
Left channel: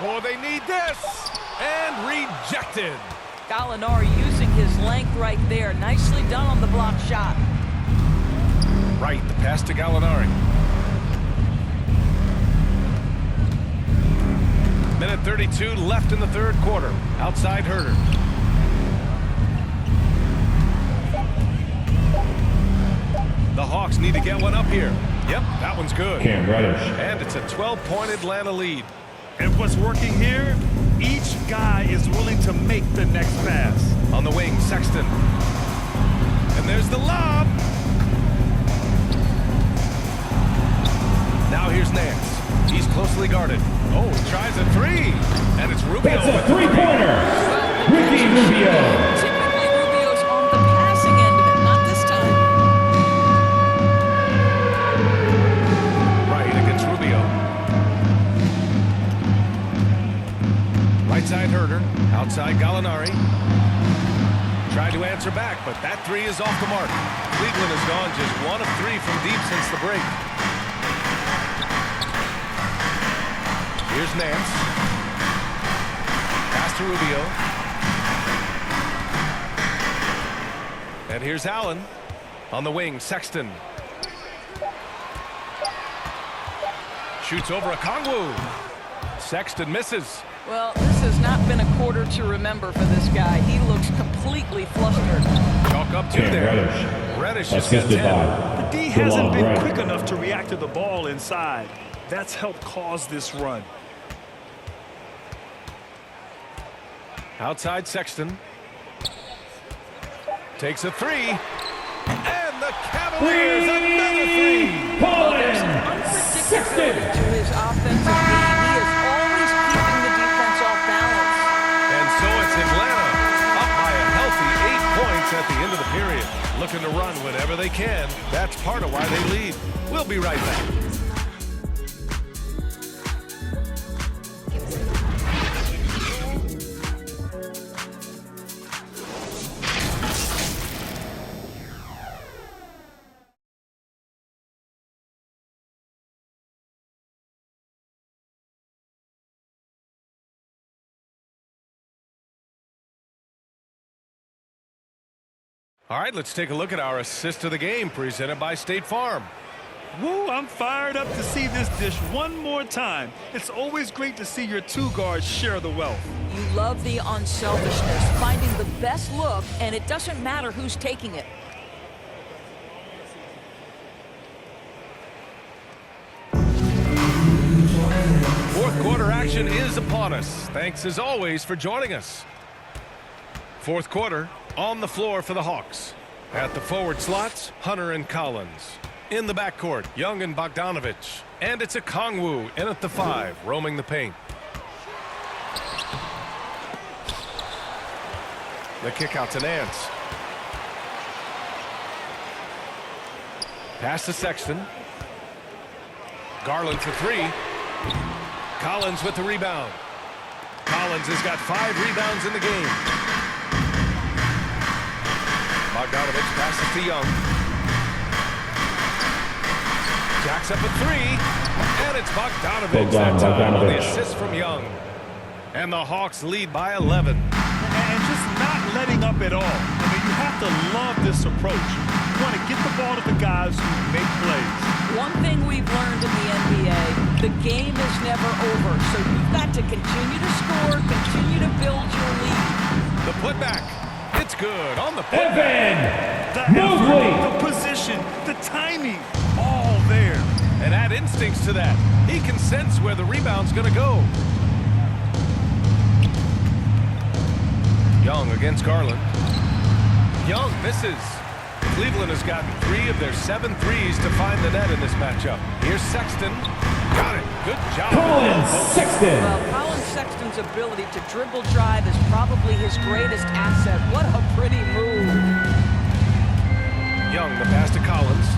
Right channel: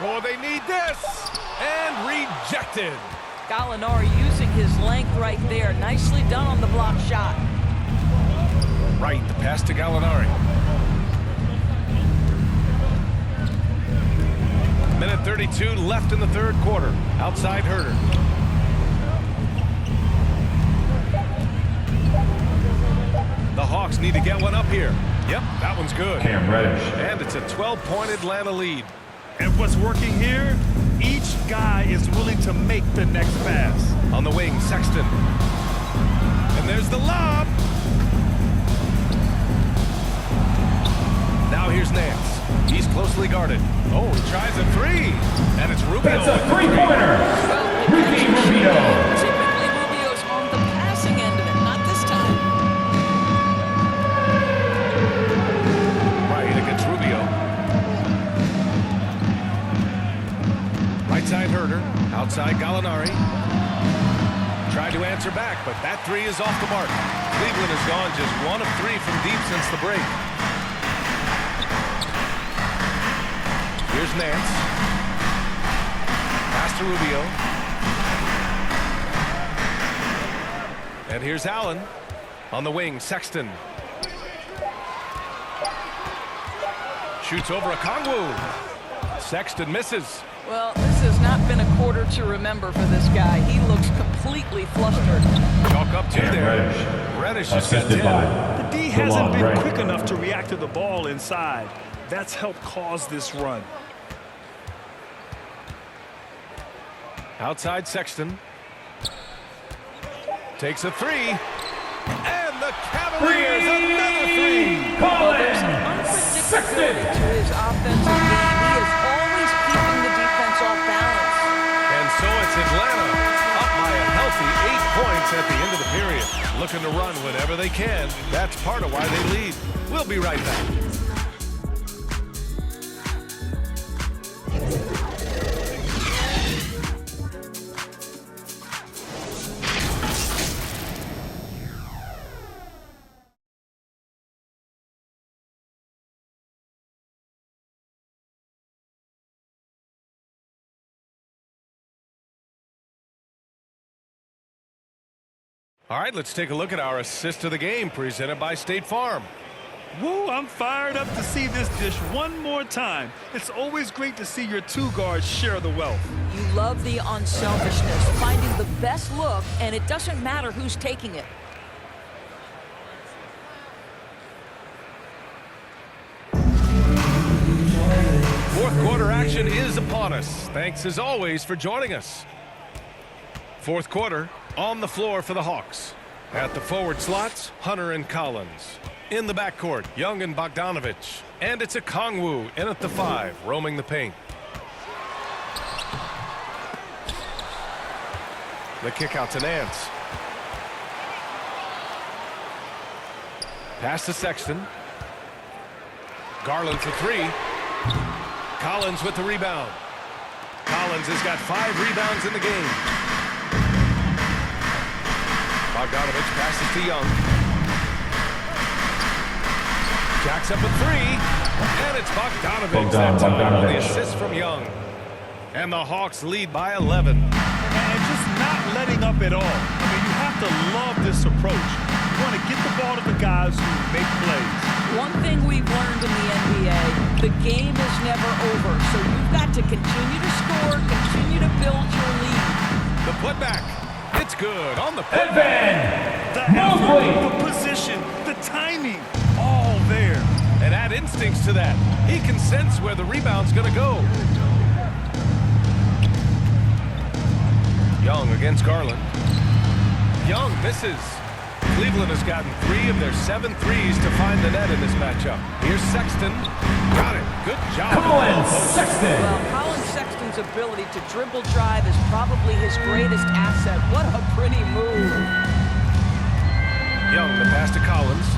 Oh, they need this, and rejected. Gallinari using his length right there. Nicely done on the block shot. Right, the pass to Gallinari. Minute 32 left in the third quarter. Outside Herder. The Hawks need to get one up here. Yep, that one's good. Cam Reddish. And it's a 12-point Atlanta lead. And what's working here? Each guy is willing to make the next pass. On the wing, Sexton. And there's the lob. Now here's Nance. He's closely guarded. Oh, he tries a three. And it's Rubio. That's a three-pointer. Ricky Rubio. Typically, Rubio's on the passing end of it. Not this time. Right against Rubio. Right side Herder, outside Gallinari. Tried to answer back, but that three is off the mark. Cleveland has gone just 1 of 3 from deep since the break. Here's Nance. Pass to Rubio. And here's Allen. On the wing, Sexton. Shoots over Okongwu. Sexton misses. Well, this has not been a quarter to remember for this guy. He looks completely flustered. Chalk up 2 there. Reddish has got 10. The D hasn't been quick enough to react to the ball inside. That's helped cause this run. Outside Sexton. Takes a 3. And the Cavaliers another 3. Well, there's an unpredictability to his offensive game. He is always keeping the defense off balance. And so it's Atlanta up by a healthy 8 points at the end of the period. Looking to run whenever they can. That's part of why they lead. We'll be right back. All right, let's take a look at our assist of the game presented by State Farm. Woo, I'm fired up to see this dish one more time. It's always great to see your two guards share the wealth. You love the unselfishness, finding the best look, and it doesn't matter who's taking it. Fourth quarter action is upon us. Thanks as always for joining us. Fourth quarter on the floor for the Hawks. At the forward slots, Hunter and Collins. In the backcourt, Young and Bogdanovich. And it's a Kongwu in at the 5, roaming the paint. The kick out to Nance. Pass to Sexton. Garland for 3. Collins with the rebound. Collins has got 5 rebounds in the game. Bogdanovich passes to Young. Jacks up a 3. And it's Bogdanovich that time on the assist from Young. And the Hawks lead by 11. And just not letting up at all. I mean, you have to love this approach. You want to get the ball to the guys who make plays. One thing we've learned in the NBA, the game is never over. So you've got to continue to score, continue to build your lead. The putback. It's good on the putback. The effort, the position, the timing, all there. And add instincts to that. He can sense where the rebound's going to go. Young against Garland. Young misses. Cleveland has gotten 3 of their 7 threes to find the net in this matchup. Here's Sexton. Got it. Good job. Colin Sexton. Well, Colin Sexton's ability to dribble drive is probably his greatest asset. What a pretty move. Young, the pass to Collins.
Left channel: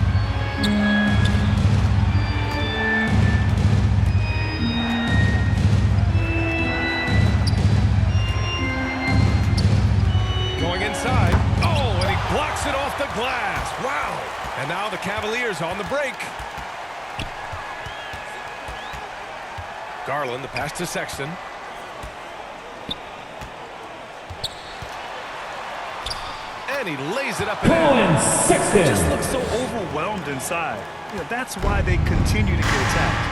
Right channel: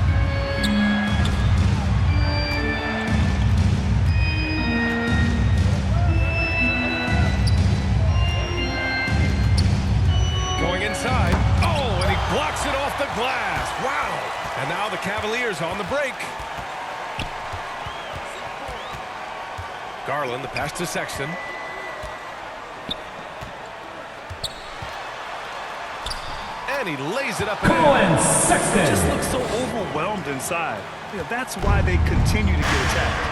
Going inside. Oh, and he blocks it off the glass. Wow. And now the Cavaliers on the break. Garland, the pass to Sexton. And he lays it up and Colin Sexton. He just looks so overwhelmed inside. You know, that's why they continue to get attacked.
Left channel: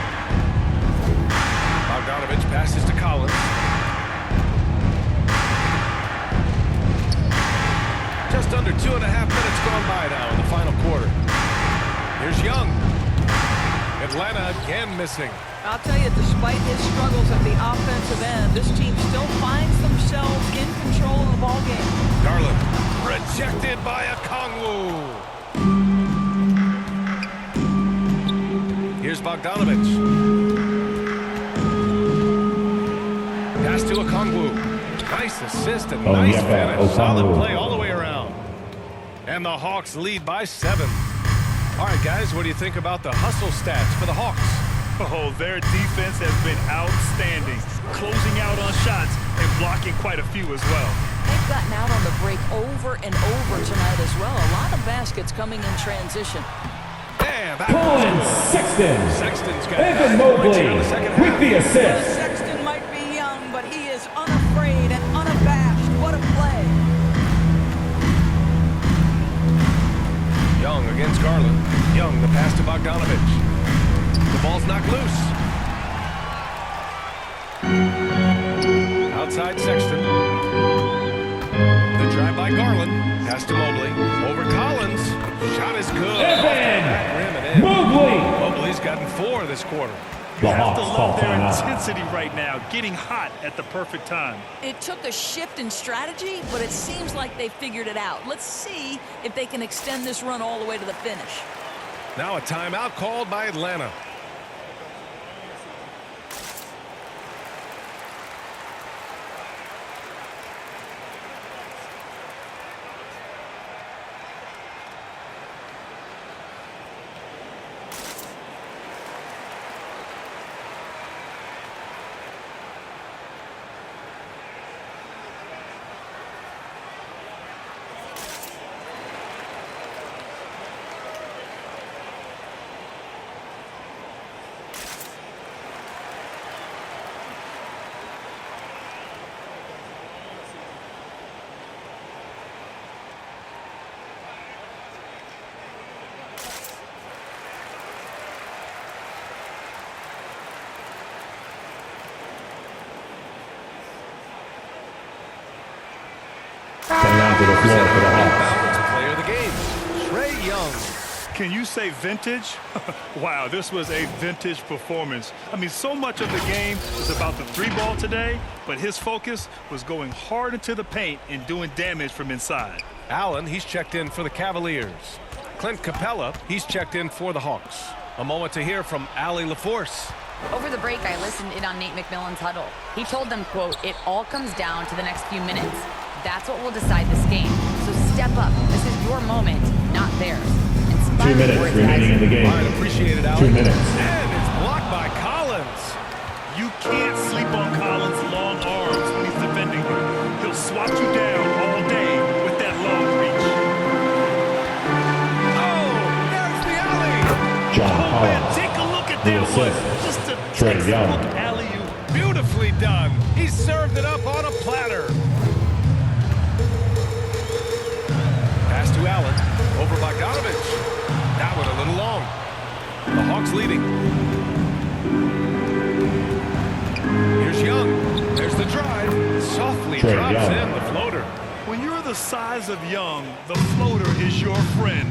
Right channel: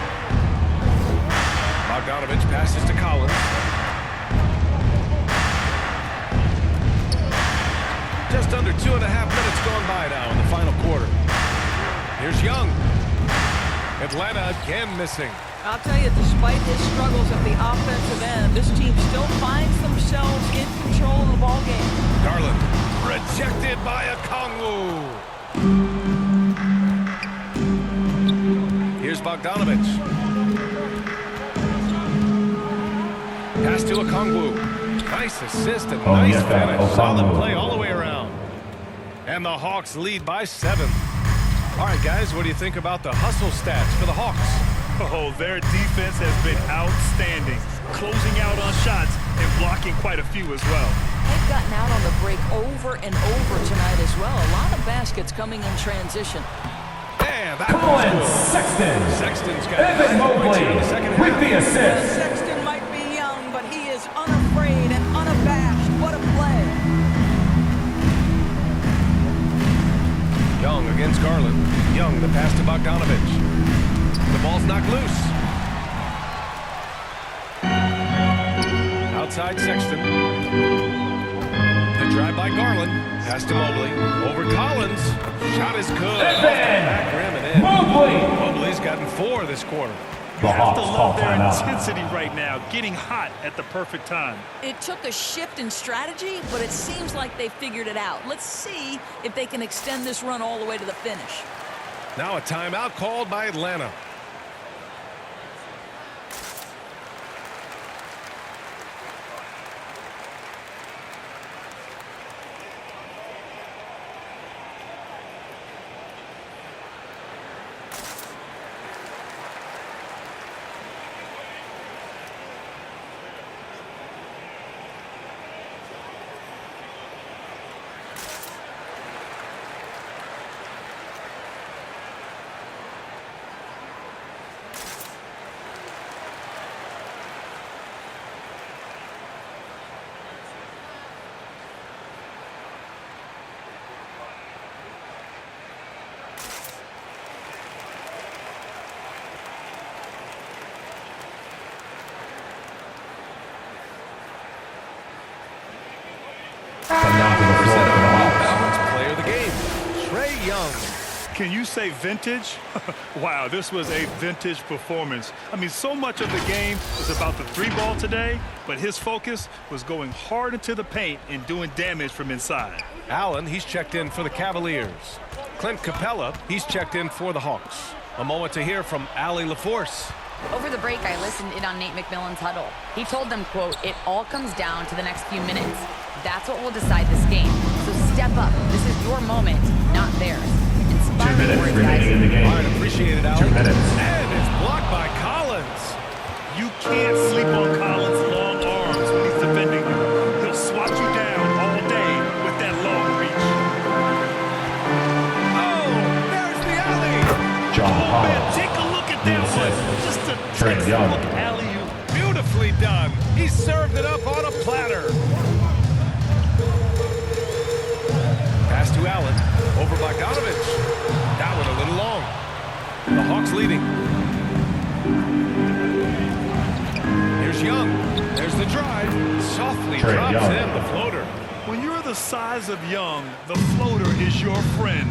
Bogdanovich passes to Collins. Just under 2.5 minutes gone by now in the final quarter. Here's Young. Atlanta again missing. I'll tell you, despite his struggles at the offensive end, this team still finds themselves in control of the ball game. Garland rejected by a Kongwu. Here's Bogdanovich. Pass to a Kongwu. Nice assist and nice finish. Solid play all the way around. And the Hawks lead by 7. All right, guys, what do you think about the hustle stats for the Hawks? Oh, their defense has been outstanding, closing out on shots and blocking quite a few as well. They've gotten out on the break over and over tonight as well. A lot of baskets coming in transition. And that Colin was good. Sexton. Sexton's got Evan 9 points Mobley here in the second half. with the assist. Well, Sexton might be young, but he is unafraid and unabashed. What a play. Young against Garland. Young, the pass to Bogdanovich. The ball's knocked loose. Outside Sexton. The drive by Garland. Pass to Mobley. Over Collins. Shot is good. Off the back rim and in. Mobley. Mobley's gotten 4 this quarter. You have to love their intensity right now, getting hot at the perfect time. It took a shift in strategy, but it seems like they figured it out. Let's see if they can extend this run all the way to the finish. Now a timeout called by Atlanta. onto the floor for the Hawks. Balanced player of the game, Trae Young. Can you say vintage? Wow, this was a vintage performance. I mean, so much of the game is about the three ball today, but his focus was going hard into the paint and doing damage from inside. Allen, he's checked in for the Cavaliers. Clint Capella, he's checked in for the Hawks. A moment to hear from Allie LaForce. Over the break, I listened in on Nate McMillan's huddle. He told them, quote, "It all comes down to the next few minutes. That's what will decide this game. So step up. This is your moment, not theirs." 2 minutes words, remaining in the game. All right, appreciate it, Allie. 2 minutes. And it's blocked by Collins. You can't sleep on Collins' long arms when he's defending you. He'll swat you down all day with that long reach. Oh, there's the alley. John Oh, Collins. man, take a look at The that one. assist. Just a Trae Young. textbook alley-oop. Beautifully done. He served it up on a platter. Pass to Allen. Over Bogdanovich. That one a little long. The Hawks leading. Here's Young. There's the drive. Softly Trae drops Young. in the floater. When you're the size of Young, the floater is your friend.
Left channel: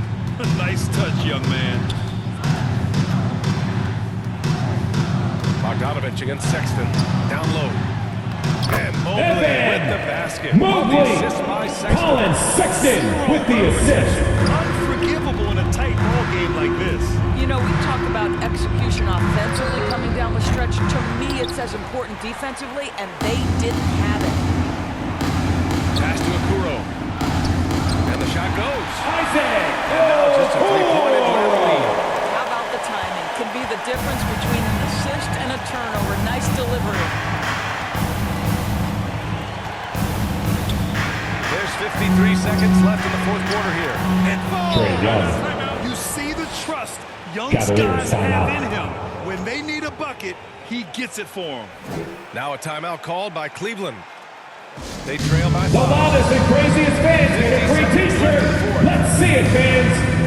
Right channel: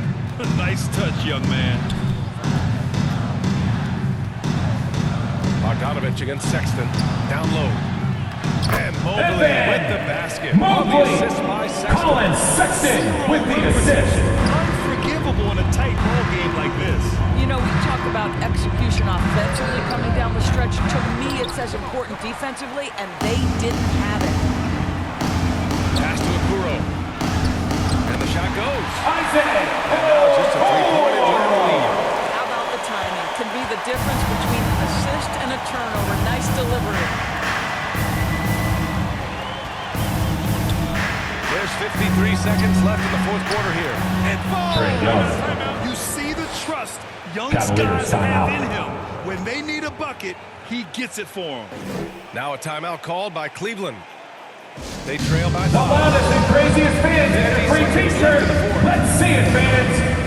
Nice touch, young man. Bogdanovich against Sexton. Down low. And Mobley And with the basket. Mobley. On the assist by Sexton. Colin Sexton with the assist. Possession. Unforgivable in a tight ball game like this. You know, we talk about execution offensively coming down the stretch. To me, it's as important defensively, and they didn't have it. Pass to Okoro. And the shot goes. Isaac. And now just a three-point Atlanta lead. How about the timing? Can be the difference between an assist and a turnover. Nice delivery. There's 53 seconds left in the fourth quarter here. And Trae Young. You see the trust young Cavaliers guys have timeout. in him. When they need a bucket, he gets it for them. now a timeout called by Cleveland. They trail by The 5. loudest and craziest fans get a 50 free seconds left in the t-shirt. fourth. Let's see it, fans.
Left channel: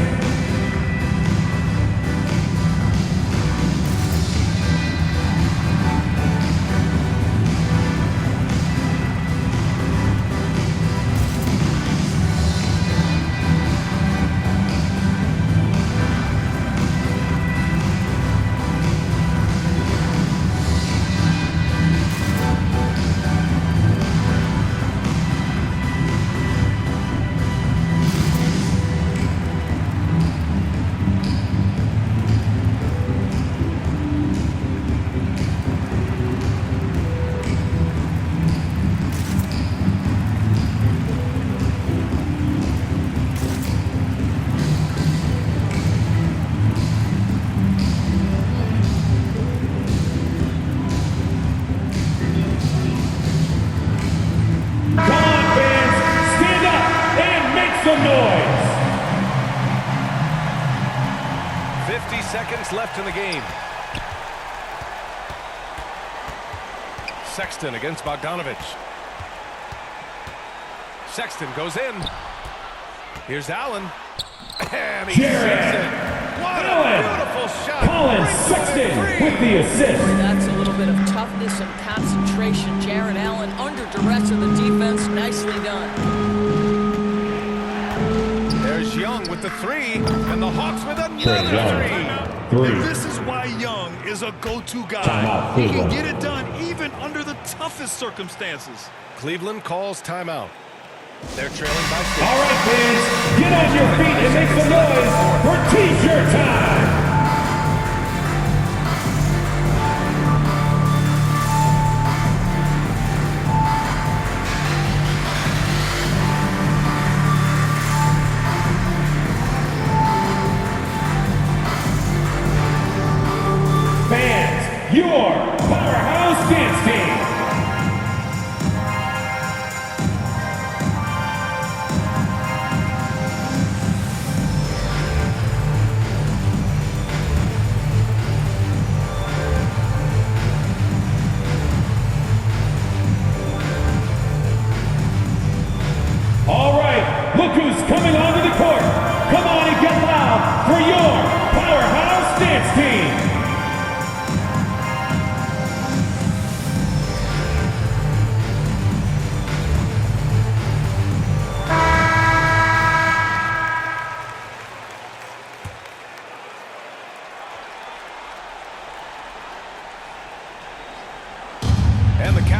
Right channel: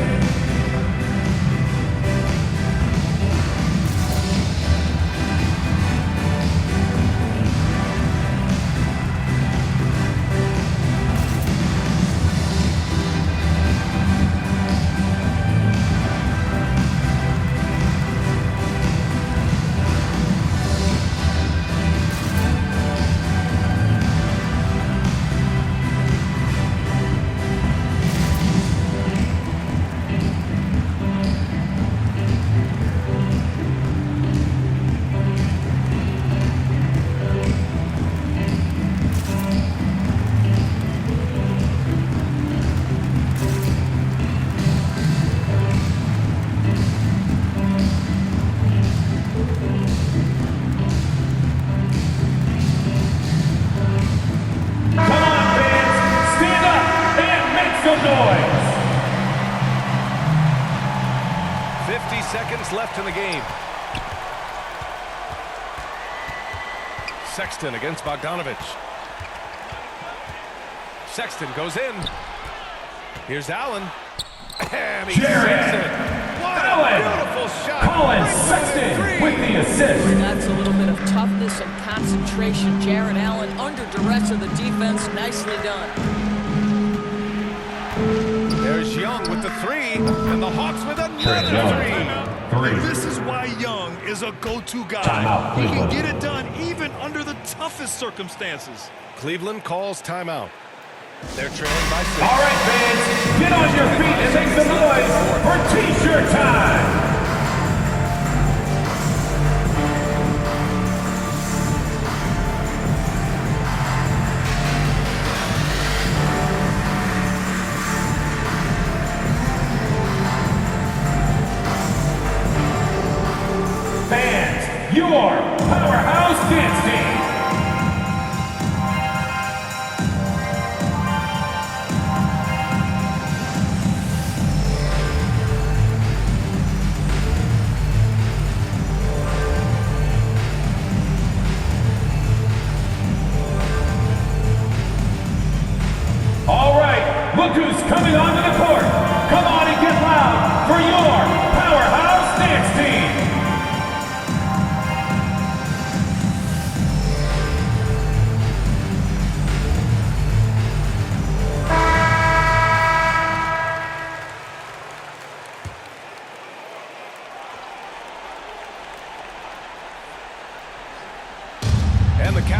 Come on, fans. Stand up and make some noise. 50 seconds left in the game. Sexton against Bogdanovich. Sexton goes in. Here's Allen. And he Jared sinks it. What Allen. a beautiful shot. Colin Brings home Sexton three. with the assist. Boy, that's a little bit of toughness and concentration. Jared Allen under duress of the defense. Nicely done. There's Young with the three. And the Hawks with Trae another Young. three. Three. And this is why Young is a go-to guy. Timeout, He can Cleveland. get it done even under the toughest circumstances. Cleveland calls timeout. They're trailing by 6. All right, fans. Get on your feet and make some noise for t-shirt time. Fans, your powerhouse dance team.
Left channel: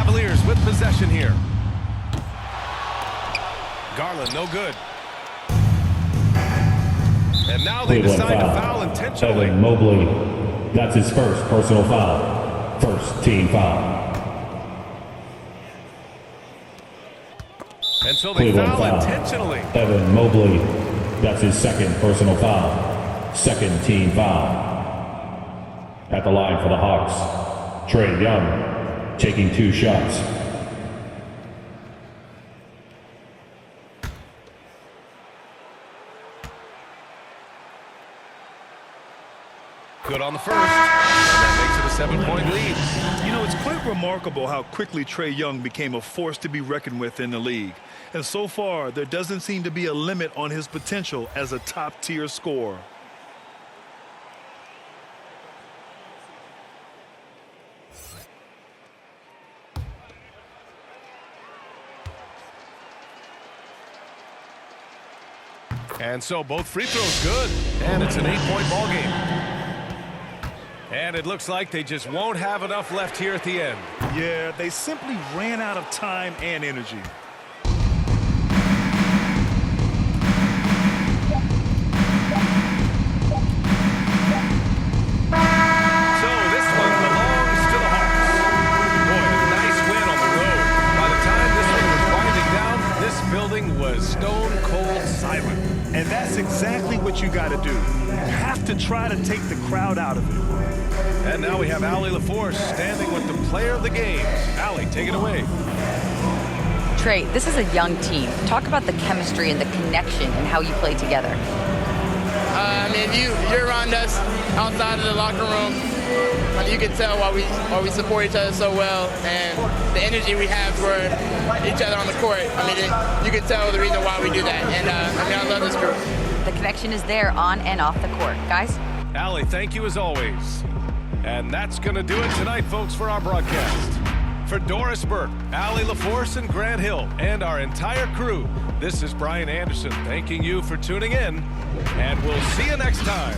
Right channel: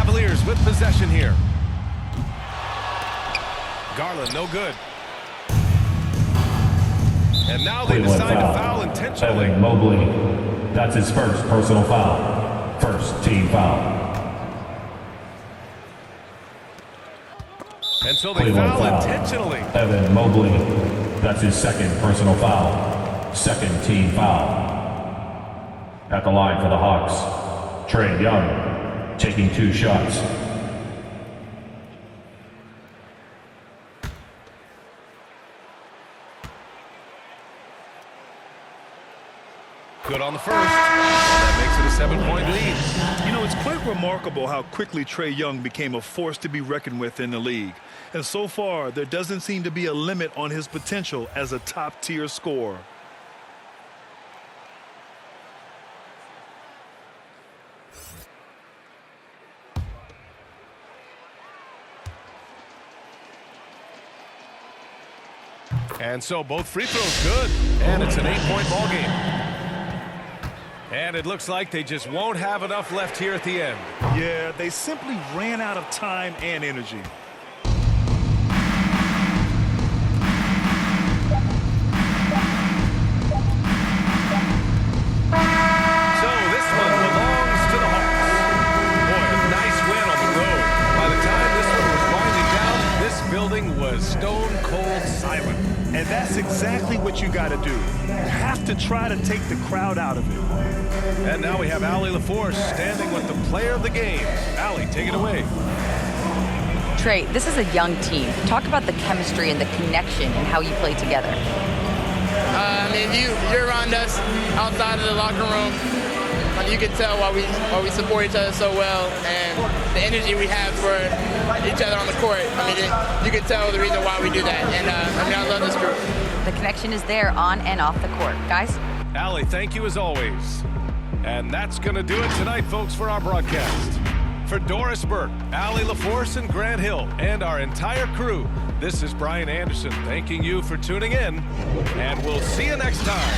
Cavaliers with possession here. Garland, no good. And now they decide to foul intentionally. Evan Mobley, that's his first personal foul. First team foul. And so they foul intentionally. Evan Mobley, that's his second personal foul. Second team foul. At the line for the Hawks, Trae Young, taking 2 shots. Good on the first, and that makes it a 7-point lead. You know, it's quite remarkable how quickly Trae Young became a force to be reckoned with in the league. And so far, there doesn't seem to be a limit on his potential as a top-tier scorer. And so both free throws good, and it's an 8-point ball game. And it looks like they just won't have enough left here at the end. Yeah, they simply ran out of time and energy. So this one belongs to the Hawks. Boy, a nice win on the road. By the time this one was winding down, this building was stone cold silent. And that's exactly what you got to do. You have to try to take the crowd out of it. And now we have Allie LaForce standing with the player of the game. Allie, take it away. Trae, this is a young team. Talk about the chemistry and the connection and how you play together. I mean, you're around us outside of the locker room. You can tell why we support each other so well, and the energy we have for each other on the court. I mean, you can tell the reason why we do that. And I mean, I love this group. The connection is there on and off the court. Guys? Allie, thank you as always. And that's going to do it tonight, folks, for our broadcast. For Doris Burke, Allie LaForce, and Grant Hill, and our entire crew, this is Brian Anderson thanking you for tuning in, and we'll see you next time.